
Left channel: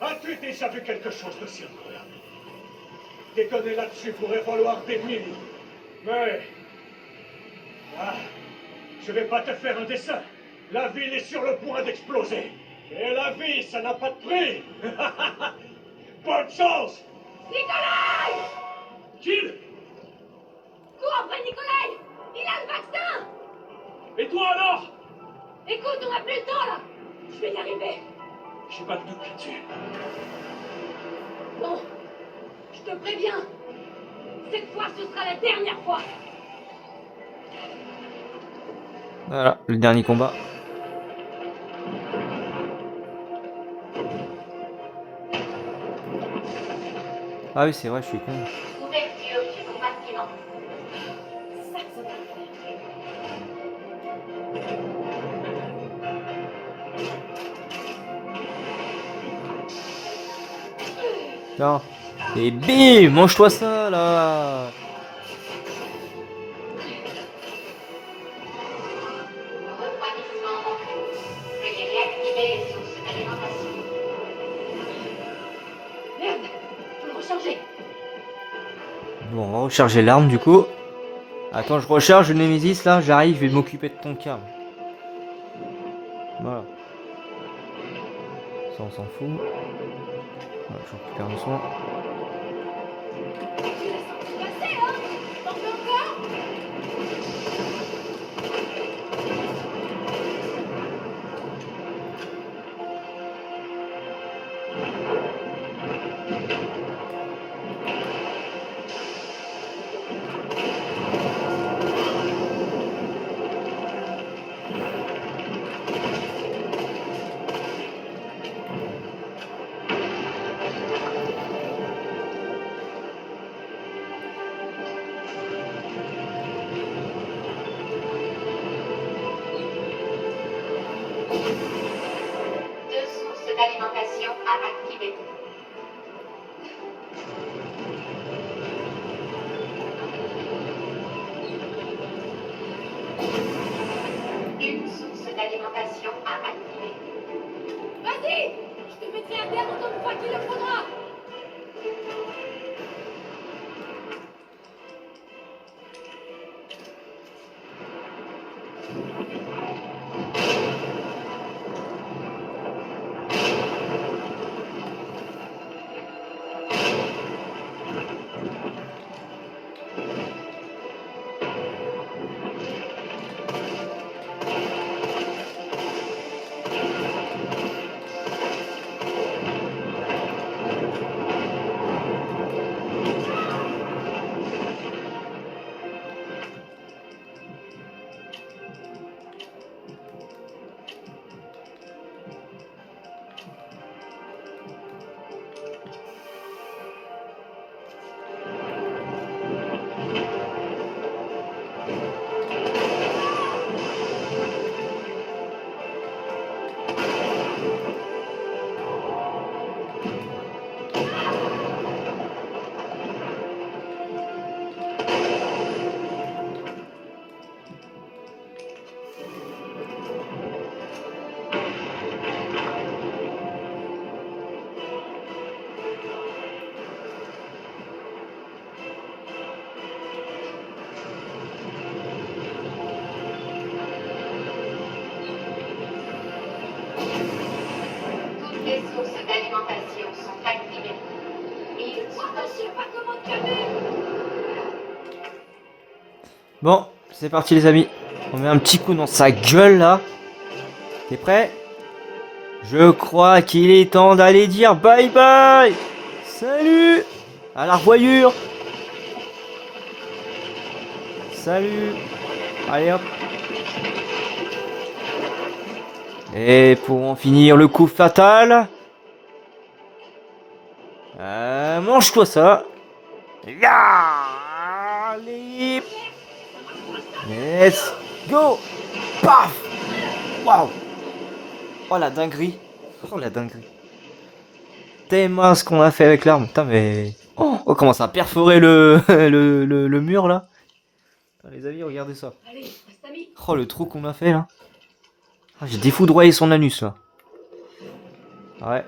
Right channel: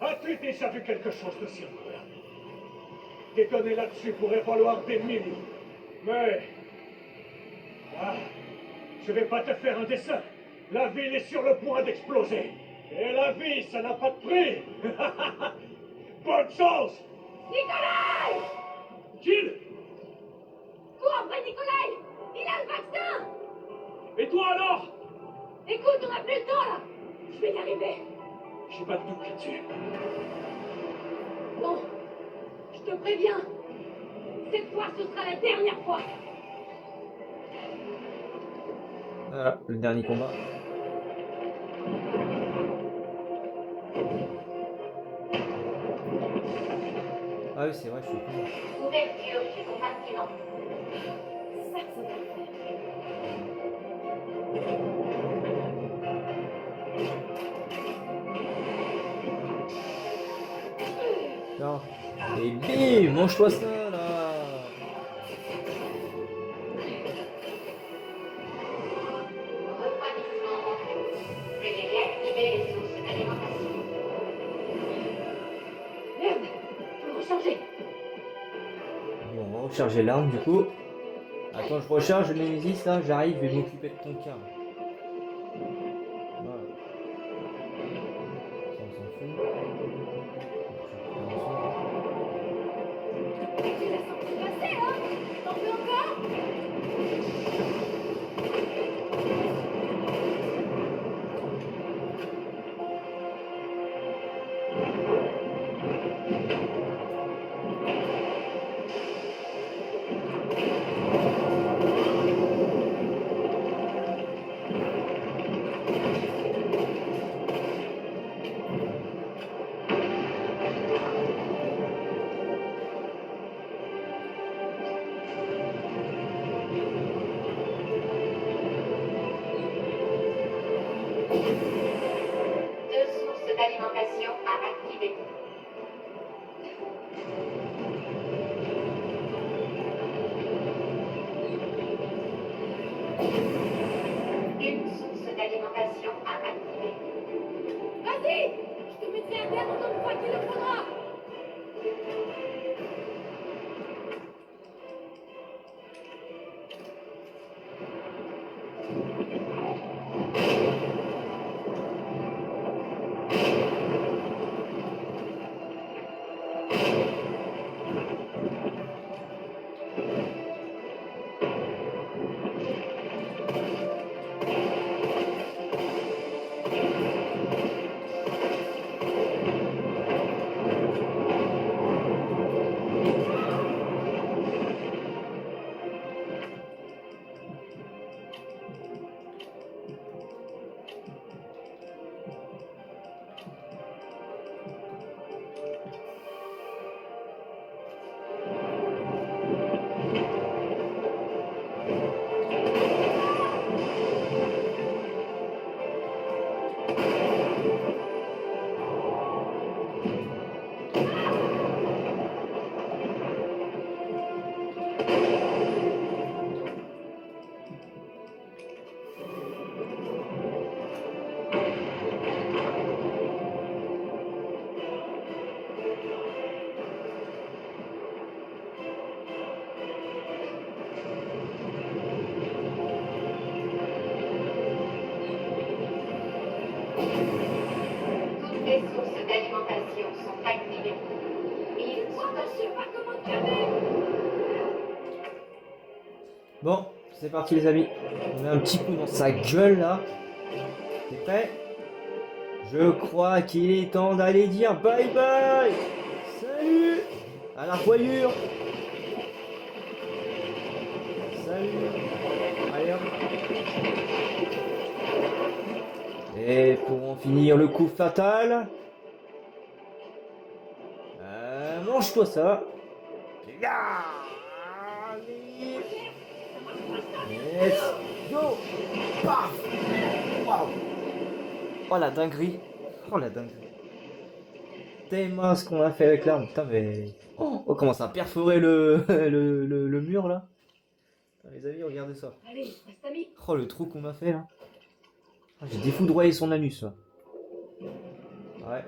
As-tu déjà vu quelque chose de si incroyable? Déconner là-dessus pourrait valoir des milliers. Mais... Ah, je vais pas te faire un dessin. La ville est sur le point d'exploser. Et la vie, ça n'a pas de prix. Bonne chance. Nikolai! Jill! Cours après Nikolai! Il a le vaccin! Et toi alors? Écoute, on a plus le temps là! Je vais y arriver. J'ai pas de doute là-dessus. Bon, je te préviens. Cette fois, ce sera la dernière fois. Voilà, le dernier combat. Ah oui, c'est vrai, je suis con. Ouverture du compartiment. Ça va le faire. Tiens. Et bim, mange-toi ça là. Refroidissement en cours. Veuillez réactiver les sources d'alimentation. Merde, faut le recharger. Bon, on va recharger l'arme du coup. Attends, je recharge le Nemesis là, j'arrive, je vais m'occuper de ton cas. Voilà. s'en fout. Voilà, je récupère un soin. Tu l'as senti passer, hein? T'en veux encore? Deux sources d'alimentation à activer. Une source d'alimentation à activer. Vas-y! Je te mettrai à terre autant de fois qu'il le faudra! Toutes les sources d'alimentation sont activées. Ils Moi, sont je sais pas comment te calmer! Bon, c'est parti les amis. On met un petit coup dans sa gueule là. T'es prêt? Je crois qu'il est temps d'aller dire bye bye. Salut. À la revoyure. Salut. Allez hop. Et pour en finir le coup fatal. Mange-toi ça. Ya. Allez. Let's go. Paf. Waouh. Oh la dinguerie. Oh la dinguerie. Tellement ce qu'on a fait avec l'arme. Putain mais... Oh, on commence à perforer le, le mur là. Putain, les amis, regardez ça. Allez, reste amis! Oh le trou qu'on a fait là. Ah, j'ai défoudroyé son anus là. Ouais.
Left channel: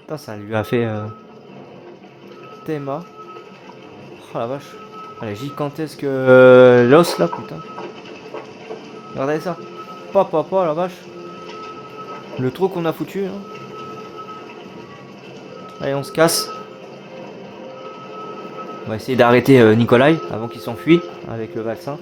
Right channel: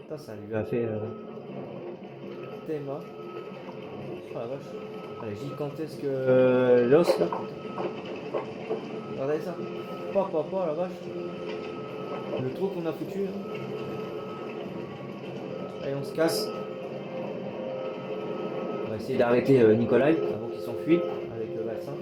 Putain ça lui a fait... Théma. Oh la vache. Elle est gigantesque l'os là putain. Regardez ça. Papa la vache. Le trou qu'on a foutu. Hein. Allez, on se casse. On va essayer d'arrêter Nikolai avant qu'il s'enfuit avec le vaccin.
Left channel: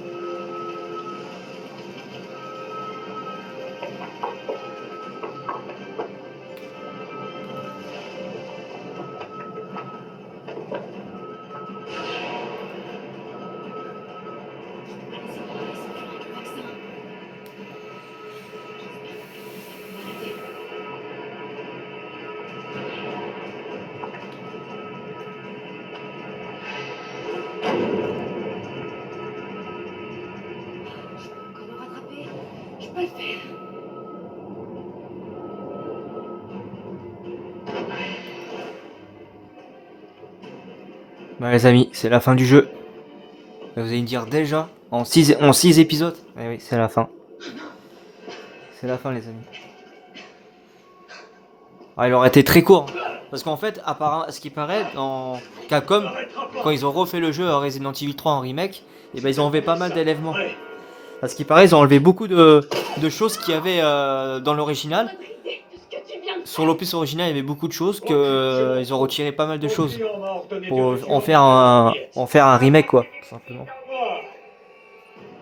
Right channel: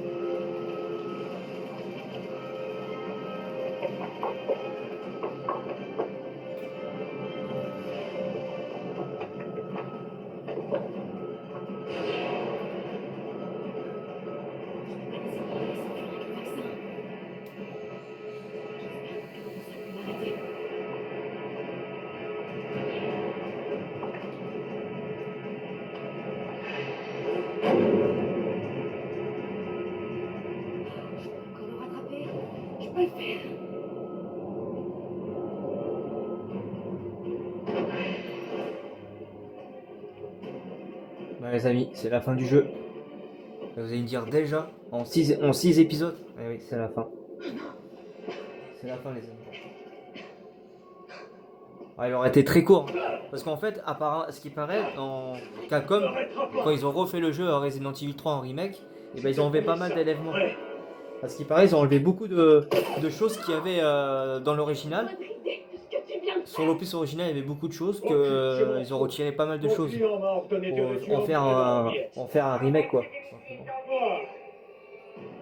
Encore me rattraper! Je peux le faire! Bah les amis, c'est la fin du jeu. Vous allez me dire déjà en 6 épisodes. Eh oui, c'est la fin. C'est la fin les amis. Ah, il aurait été très court. Hein. Parce qu'en fait, à ce qui paraît, dans Capcom, quand ils ont refait le jeu à Resident Evil 3 en remake, et ben ils ont enlevé pas mal d'éléments. À ce qui paraît, ils ont enlevé beaucoup de choses qu'il y avait dans l'original. Bonne idée de ce que tu viens de faire! sur l'opus original, il y avait beaucoup de choses que ils ont retiré pas mal de Mon choses client m'a ordonné de pour réduire en le faire prix de la en faire un remake quoi, tout simplement. Ah,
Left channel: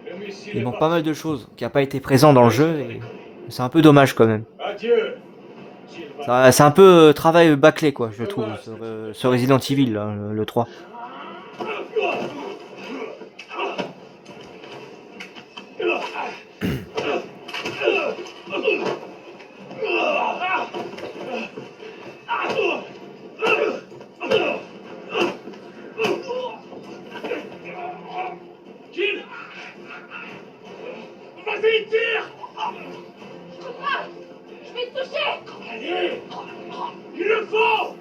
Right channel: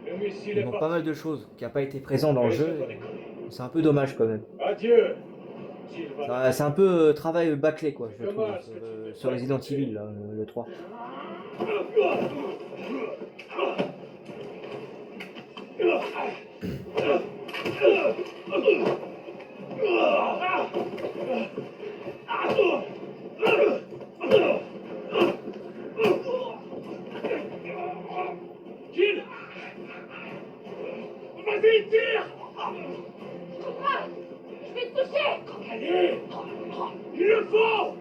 le missile Il est manque pas parti. mal de choses qui a pas été présent dans le Oui, jeu c'est pas et déconné. c'est un peu dommage quand même. Adieu, Sylvain. C'est un peu travail bâclé quoi, je trouve, Dommage que tu te ce Resident Evil là, le 3. Jill, vas-y, tire. Je peux pas. Je vais te toucher. Allez, il le faut.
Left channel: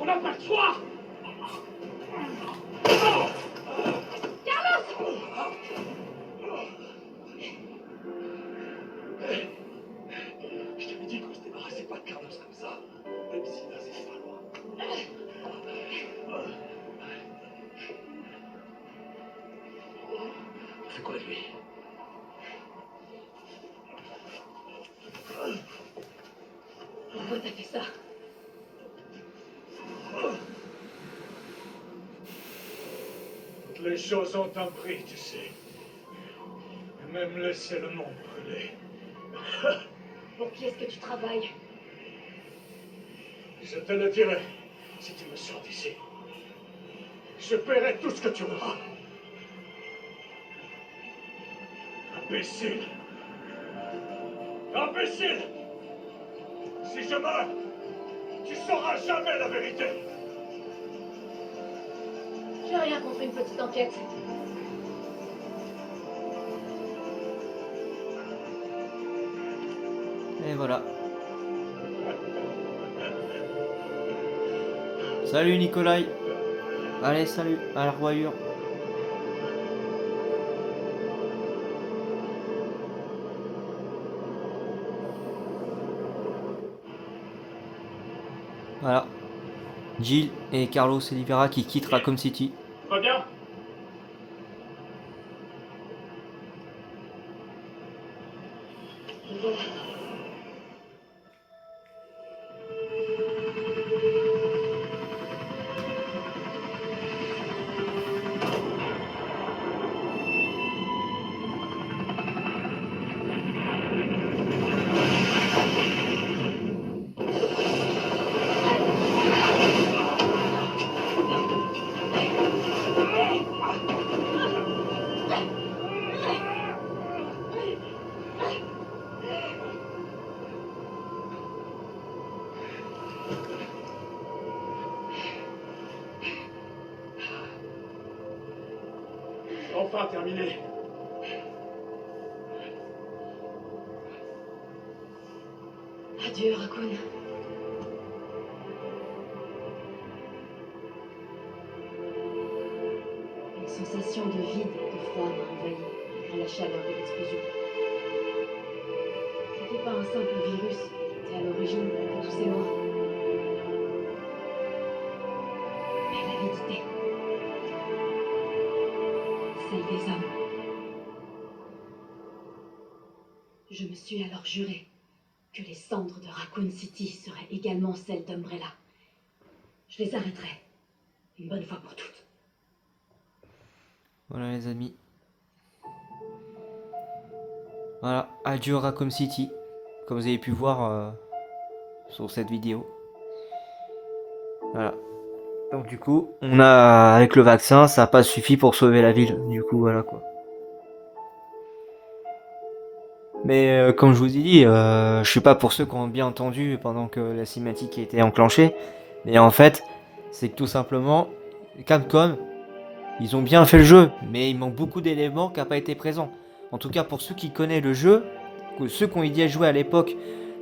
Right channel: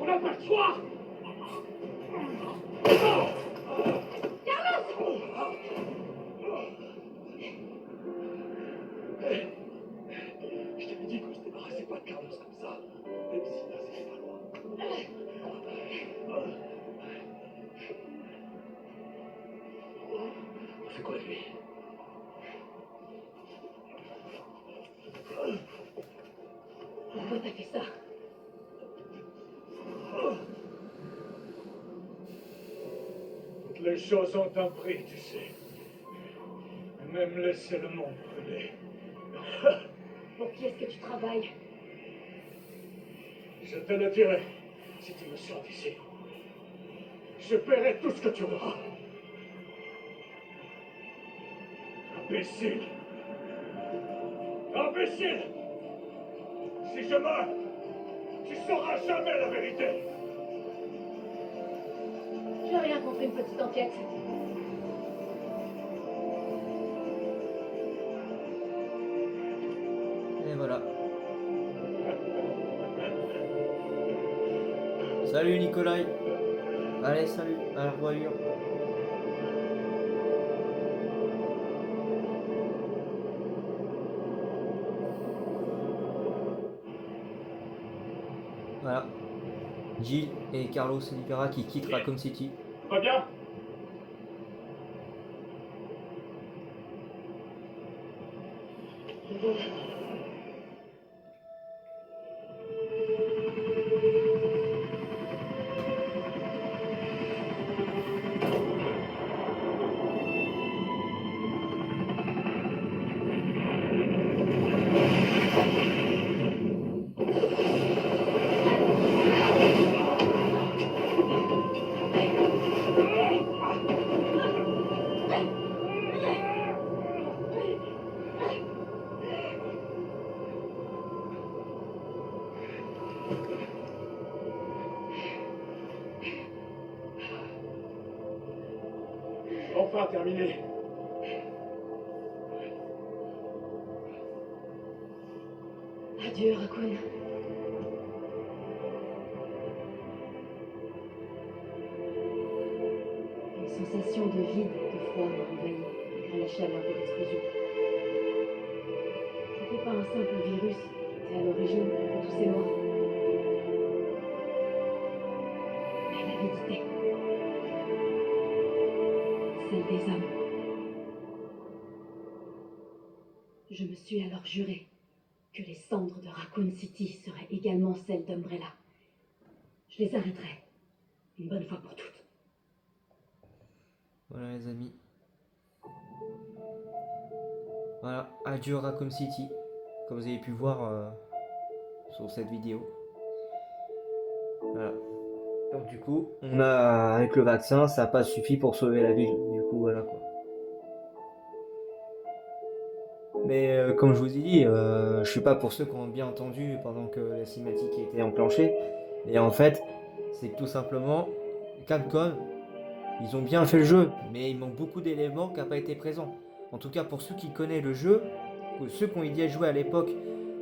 On n'a pas le choix. Je t'avais dit qu'on se débarrassait pas de Carlos comme ça. Même si là, c'était pas loin. On fait quoi de lui? Pourquoi t'as fait ça? Toutes les choses ont un prix, tu sais. Même laisser le monde brûler. Pour qui est-ce que tu travailles? Je te le dirai si tu me sors d'ici. Je paierai tout ce que tu auras. Imbécile! Imbécile! Si je meurs, tu sauras jamais la vérité! J'ai rien contre une petite enquête. Et voilà. Salut Nikolai. Allez, salut, à la revoyure. Voilà. Jill et Carlos Oliveira qui quittent Raccoon City. Pas bien? Enfin terminé. Adieu, Raccoon. Une sensation de vide et de froid m'a envahi malgré la chaleur de l'explosion. C'était pas un simple virus qui était à l'origine de tous ces morts. Mais l'avidité. Celle des hommes. Je me suis alors juré que les cendres de Raccoon City seraient également celles d'Umbrella. Je les arrêterai, une bonne fois pour toutes. Voilà les amis. Voilà, adieu Raccoon City, comme vous avez pu voir sur cette vidéo. Voilà. Donc du coup, on a avec le vaccin, ça n'a pas suffi pour sauver la ville. Du coup, voilà quoi. Mais comme je vous ai dit, je suis pas pour ceux qui ont bien entendu pendant que la cinématique a été enclenchée. Mais en fait, c'est que tout simplement, Capcom, ils ont bien fait le jeu, mais il manque beaucoup d'éléments qui n'ont pas été présents. En tout cas, pour ceux qui connaissent le jeu, ceux qui ont y joué à l'époque,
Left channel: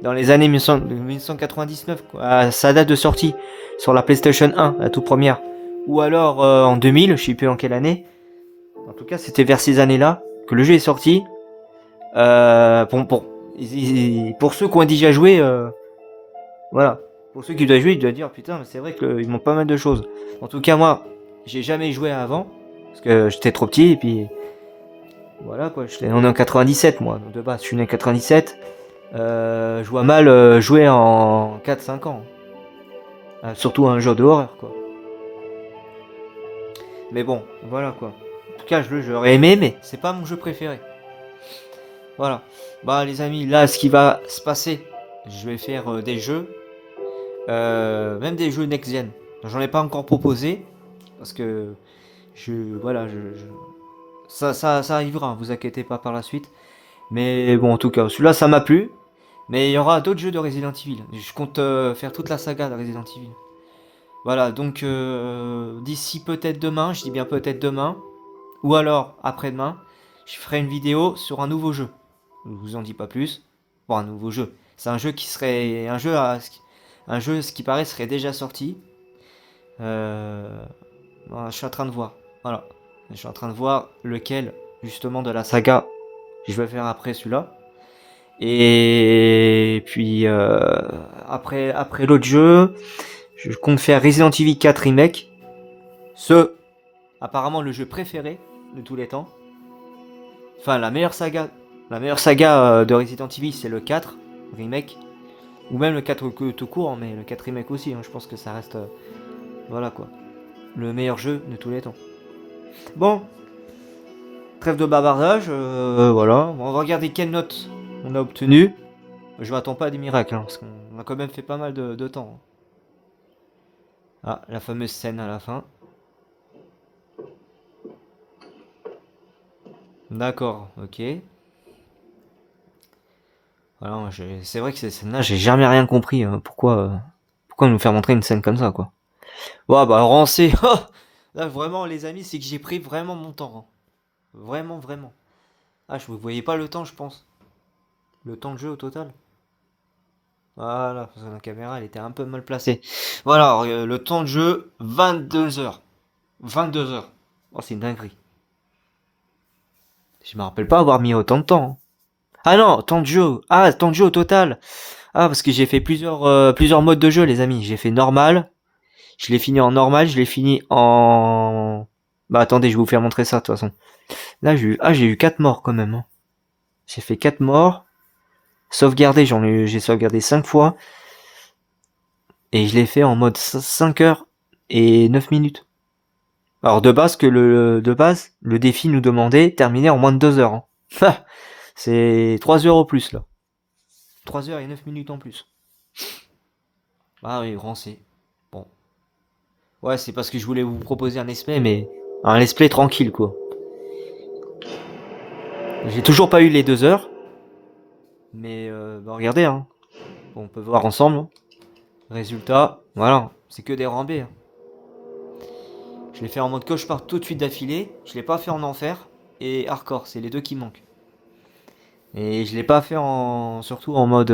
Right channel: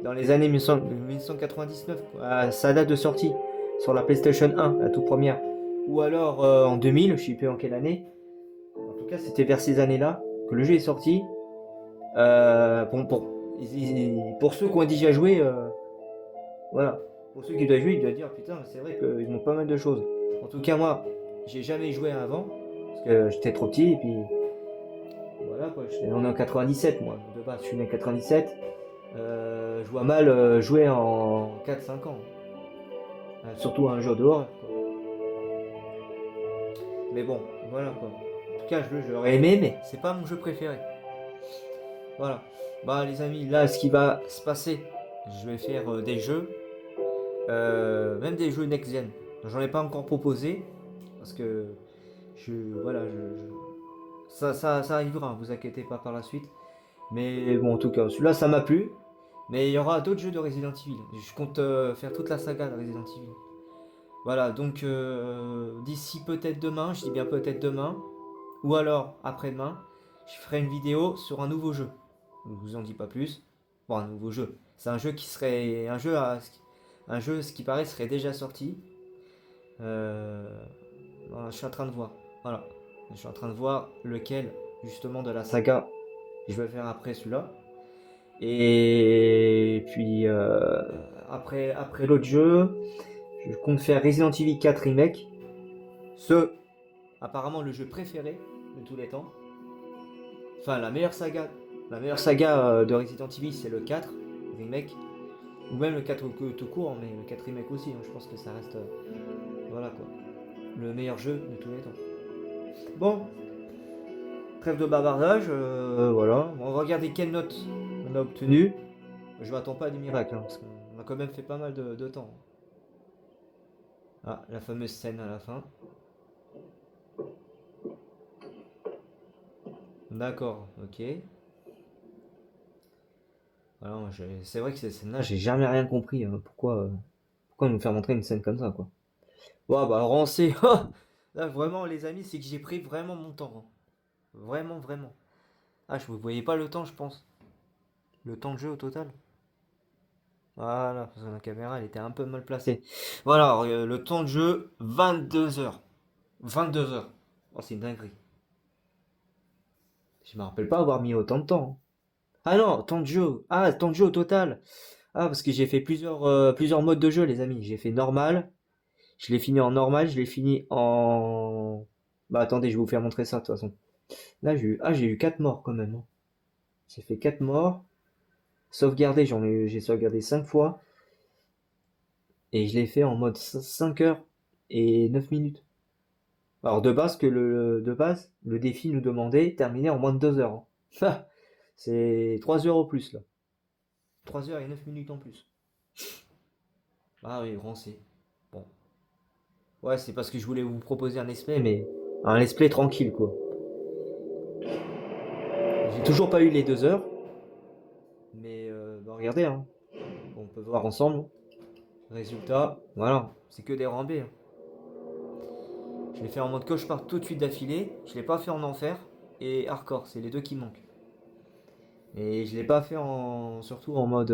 dans les années 1999, quoi, à sa date de sortie, sur la PlayStation 1, la toute première, ou alors en 2000, je sais plus en quelle année. En tout cas, c'était vers ces années-là que le jeu est sorti. Pour ceux qui ont déjà joué, voilà. Pour ceux qui doivent jouer, ils doivent dire putain, mais c'est vrai qu'il manque pas mal de choses. En tout cas, moi, j'ai jamais joué avant parce que j'étais trop petit et puis voilà quoi. On est en 97, moi, de base. Je suis né en 97 Je vois mal jouer en 4-5 ans. Surtout un jeu d'horreur, quoi. Mais bon, voilà quoi. En tout cas, j'aurais aimé, mais c'est pas mon jeu préféré. Voilà. Bah les amis, là, ce qui va se passer, je vais faire des jeux, même des jeux next-gen. J'en ai pas encore proposé, parce que voilà, ça arrivera, hein, vous inquiétez pas par la suite. Mais bon, en tout cas, celui-là, ça m'a plu. Mais il y aura d'autres jeux de Resident Evil. Je compte faire toute la saga de Resident Evil. Voilà, donc d'ici peut-être demain, je dis bien peut-être demain, ou alors après-demain, je ferai une vidéo sur un nouveau jeu. Je vous en dis pas plus. Bon, un nouveau jeu. C'est un jeu qui serait. Un jeu, ce qui paraît, serait déjà sorti. Voilà, je suis en train de voir. Voilà. Je suis en train de voir lequel, justement, de la saga, je vais faire après celui-là. Et puis, après l'autre jeu, je compte faire Resident Evil 4 Remake. Apparemment, le jeu préféré de tous les temps. Enfin, la meilleure saga de Resident Evil, c'est le 4 Remake. Ou même le 4 tout court, mais le 4 Remake aussi. Hein, je pense que ça reste. Voilà quoi. Le meilleur jeu de tous les temps. Bon. Trêve de bavardage. Voilà. On va regarder quelle note on a obtenue. Je m'attends pas à des miracles, hein, parce qu'on a quand même fait pas mal de temps. Ah, la fameuse scène à la fin. D'accord, ok. Voilà, c'est vrai que ces scènes-là, j'ai jamais rien compris. Pourquoi nous faire montrer une scène comme ça, quoi. Ouais, bah, rancé. Oh là, vraiment, les amis, c'est que j'ai pris vraiment mon temps. Hein. Vraiment, vraiment. Ah, je ne voyais pas le temps, je pense. Le temps de jeu au total. Voilà, parce que la caméra, elle était un peu mal placée. Voilà, le temps de jeu, 22 heures. 22 heures. Oh, c'est une dinguerie. Je me rappelle pas avoir mis autant de temps. Hein. Ah non, temps de jeu. Ah, temps de jeu au total. Ah, parce que j'ai fait plusieurs modes de jeu, les amis. J'ai fait normal. Je l'ai fini en normal. Je l'ai fini en... Bah attendez, je vais vous faire montrer ça de toute façon. Là, j'ai eu 4 morts quand même. Hein. J'ai fait 4 morts. Sauvegardé, j'ai sauvegardé 5 fois. Et je l'ai fait en mode 5 heures et 9 minutes. Alors de base, le défi nous demandait terminer en moins de 2 heures. Hein. C'est 3 heures au plus là. 3 heures et 9 minutes en plus. Ah oui, grand C. Bon. Ouais, c'est parce que je voulais vous proposer un let's play, mais un let's play tranquille quoi. J'ai toujours pas eu les 2 heures. Mais bah regardez, hein. Bon, on peut voir ensemble. Hein. Résultat, voilà, c'est que des rambés. Hein. Je l'ai fait en mode cauchemar tout de suite d'affilée. Je l'ai pas fait en enfer et hardcore, c'est les deux qui manquent. Et je l'ai pas fait surtout en mode...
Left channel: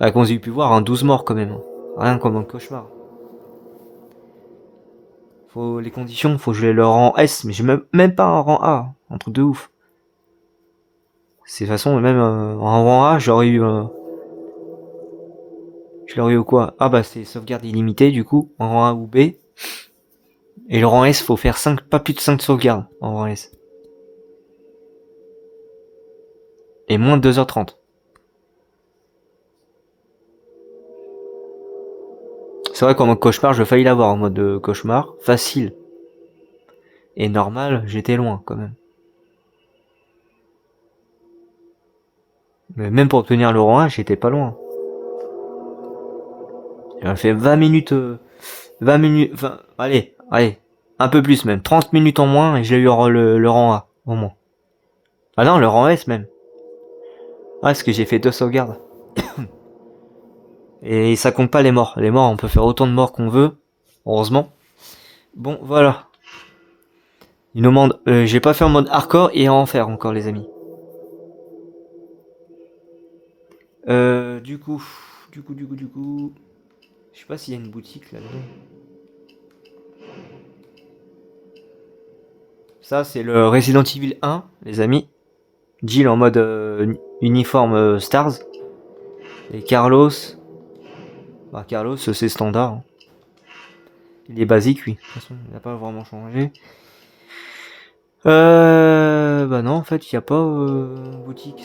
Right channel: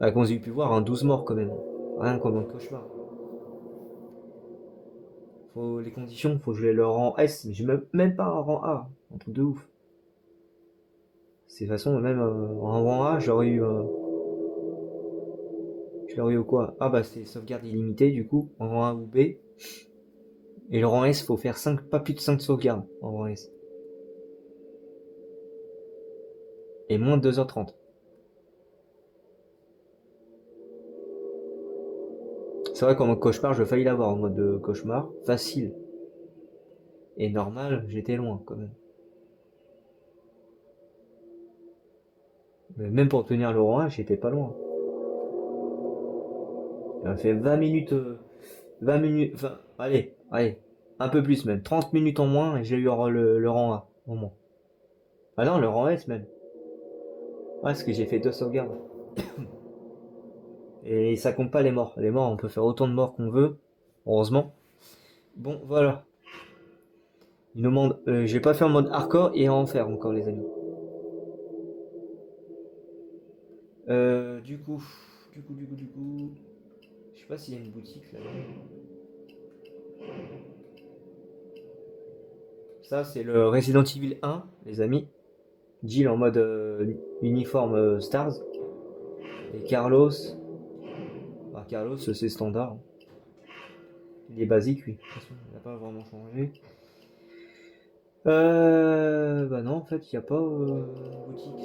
comme vous avez pu voir, un 12 morts quand même. Hein. Rien comme un cauchemar. Les conditions, faut que je les leur rang S, mais j'ai même pas un rang A. Hein. Un truc de ouf. C'est de toute façon, même en rang A, j'aurais eu... je l'aurais eu quoi? Ah bah c'est sauvegarde illimitée du coup, en rang A ou B. Et le rang S, faut faire pas plus de 5 sauvegardes en rang S. Et moins de 2h30. C'est vrai qu'en mode cauchemar, je failli l'avoir en mode cauchemar. Facile. Et normal, j'étais loin quand même. Mais même pour obtenir le rang 1, j'étais pas loin. J'ai fait 20 minutes... 20 minutes... Enfin, allez. Un peu plus même. 30 minutes en moins et j'ai eu le rang A. Au moins. Ah non, le rang S même. Ah, parce que j'ai fait 2 sauvegardes. Et ça compte pas les morts. Les morts, on peut faire autant de morts qu'on veut. Heureusement. Bon, voilà. Il nous demande... j'ai pas fait en mode hardcore et en enfer encore, les amis. Du coup... Je sais pas s'il y a une boutique là-dedans. Ça, c'est le Resident Evil 1, les amis. Jill en mode uniforme Stars. Et Carlos... Bah, Carlos, c'est standard. Hein. Il est basique, oui. De toute façon, il n'a pas vraiment changé. Bah non, en fait, il n'y a pas boutique.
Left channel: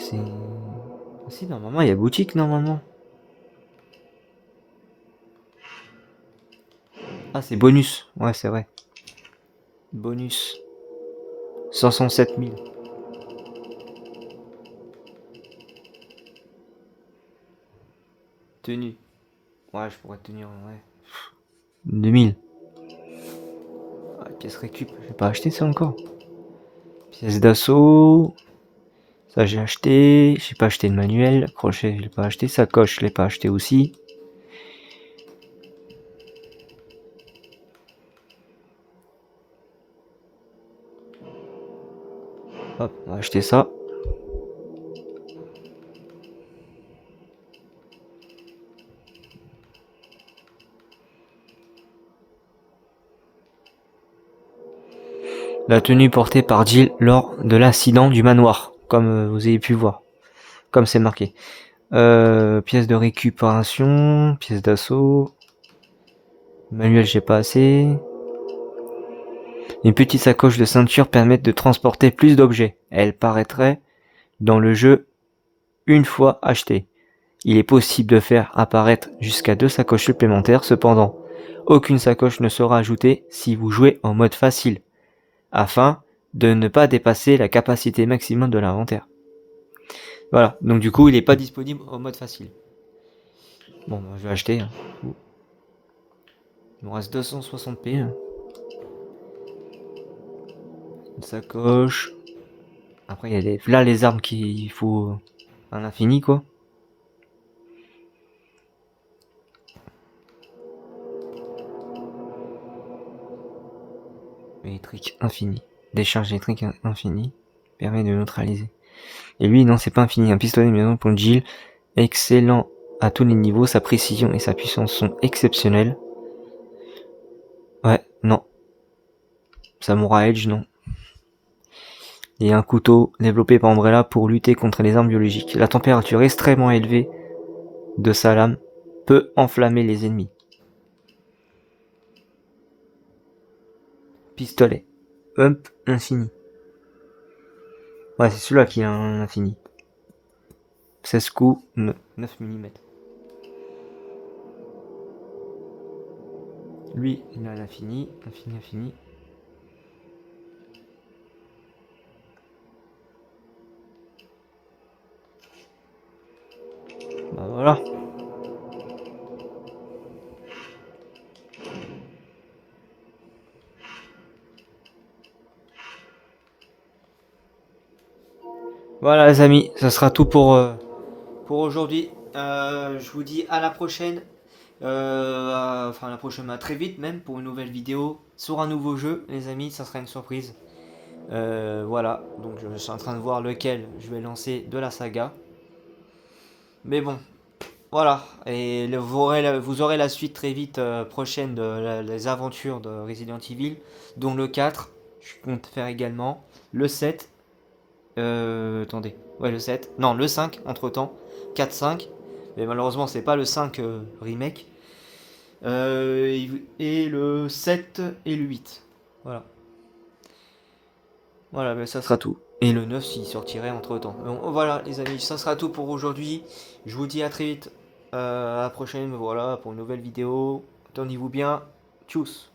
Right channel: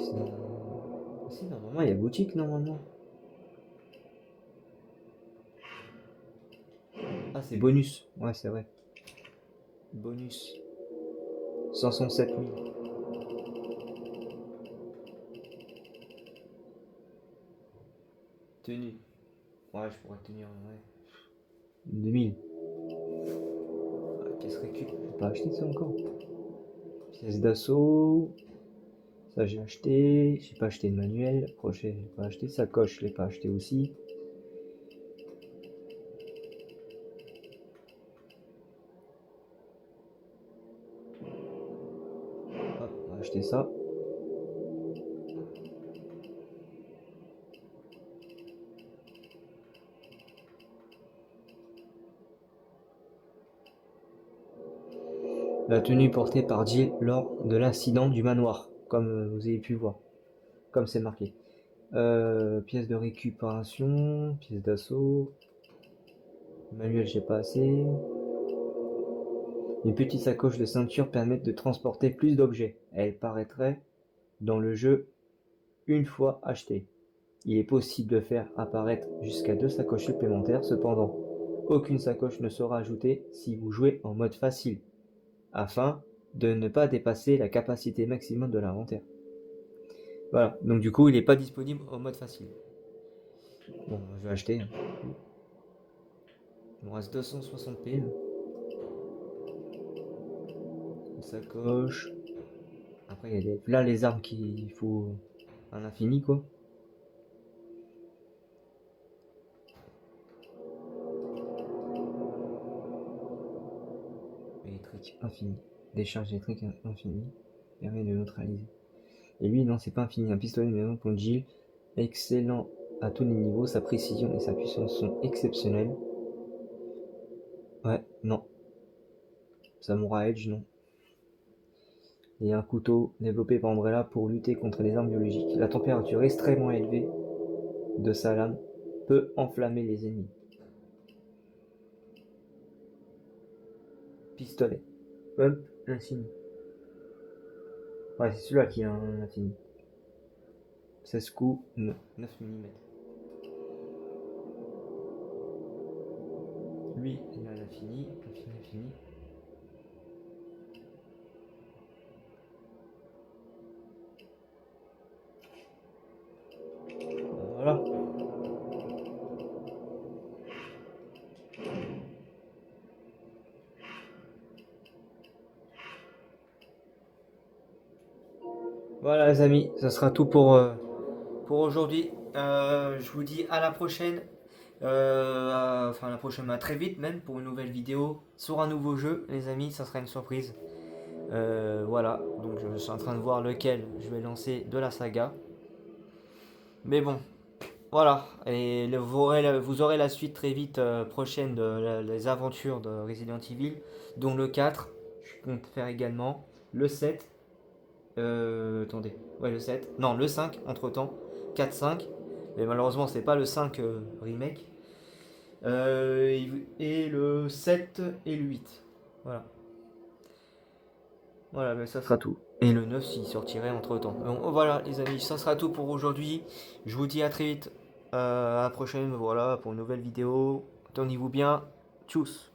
Si, normalement, il y a boutique, normalement. Ah, c'est bonus. Ouais, c'est vrai. Bonus. 507 000. Tenue. Ouais, je pourrais tenir, ouais. 2000. Pièce récup. J'ai pas acheté ça encore. Pièce d'assaut. Ça, j'ai acheté. J'ai pas acheté de manuel. Crochet, je l'ai pas acheté. Sacoche, je l'ai pas acheté aussi. Hop, on va acheter ça. La tenue portée par Jill lors de l'incident du manoir, comme vous avez pu voir, comme c'est marqué. Pièce de récupération, pièce d'assaut. Manuel, j'ai pas assez. Une petite sacoche de ceinture permet de transporter plus d'objets. Elle paraîtrait dans le jeu une fois achetée. Il est possible de faire apparaître jusqu'à 2 sacoches supplémentaires, cependant, aucune sacoche ne sera ajoutée si vous jouez en mode facile, afin de ne pas dépasser la capacité maximum de l'inventaire. Voilà, donc du coup il n'est pas disponible au mode facile. Bon, je vais acheter. Hein. Il me reste 260p. Hein. Une sacoche. Après il y a des... Là les armes qu'il faut un infini quoi. Électrique infini. Décharge électrique infini. Permet de neutraliser. Et lui non c'est pas infini. Un pistolet maison pour Jill. Excellent à tous les niveaux. Sa précision et sa puissance sont exceptionnelles. Ouais, non. Samurai Edge, non. Et un couteau développé par Umbrella pour lutter contre les armes biologiques. La température extrêmement élevée de sa lame peut enflammer les ennemis. Pistolet. Pump infini. Ouais, c'est celui-là qui a un infini. 16 coups, 9 mm. Lui, il a l'infini, infini. Bah, voilà. Voilà les amis, ça sera tout pour aujourd'hui. Je vous dis à la prochaine. Enfin la prochaine, à très vite même pour une nouvelle vidéo sur un nouveau jeu les amis, ça sera une surprise. Voilà, donc je suis en train de voir lequel je vais lancer de la saga. Mais bon, voilà, et vous aurez la suite très vite prochaine les aventures de Resident Evil, dont le 4, je compte faire également, le 7, attendez, ouais le 7, non le 5 entre temps, 4, 5, mais malheureusement c'est pas le 5 remake, et le 7 et le 8, voilà. Voilà, mais ça sera tout. Et le 9 s'il sortirait entre temps. Donc, voilà les amis, ça sera tout pour aujourd'hui. Je vous dis à très vite. À la prochaine, voilà, pour une nouvelle vidéo. Tenez-vous bien. Tchuss.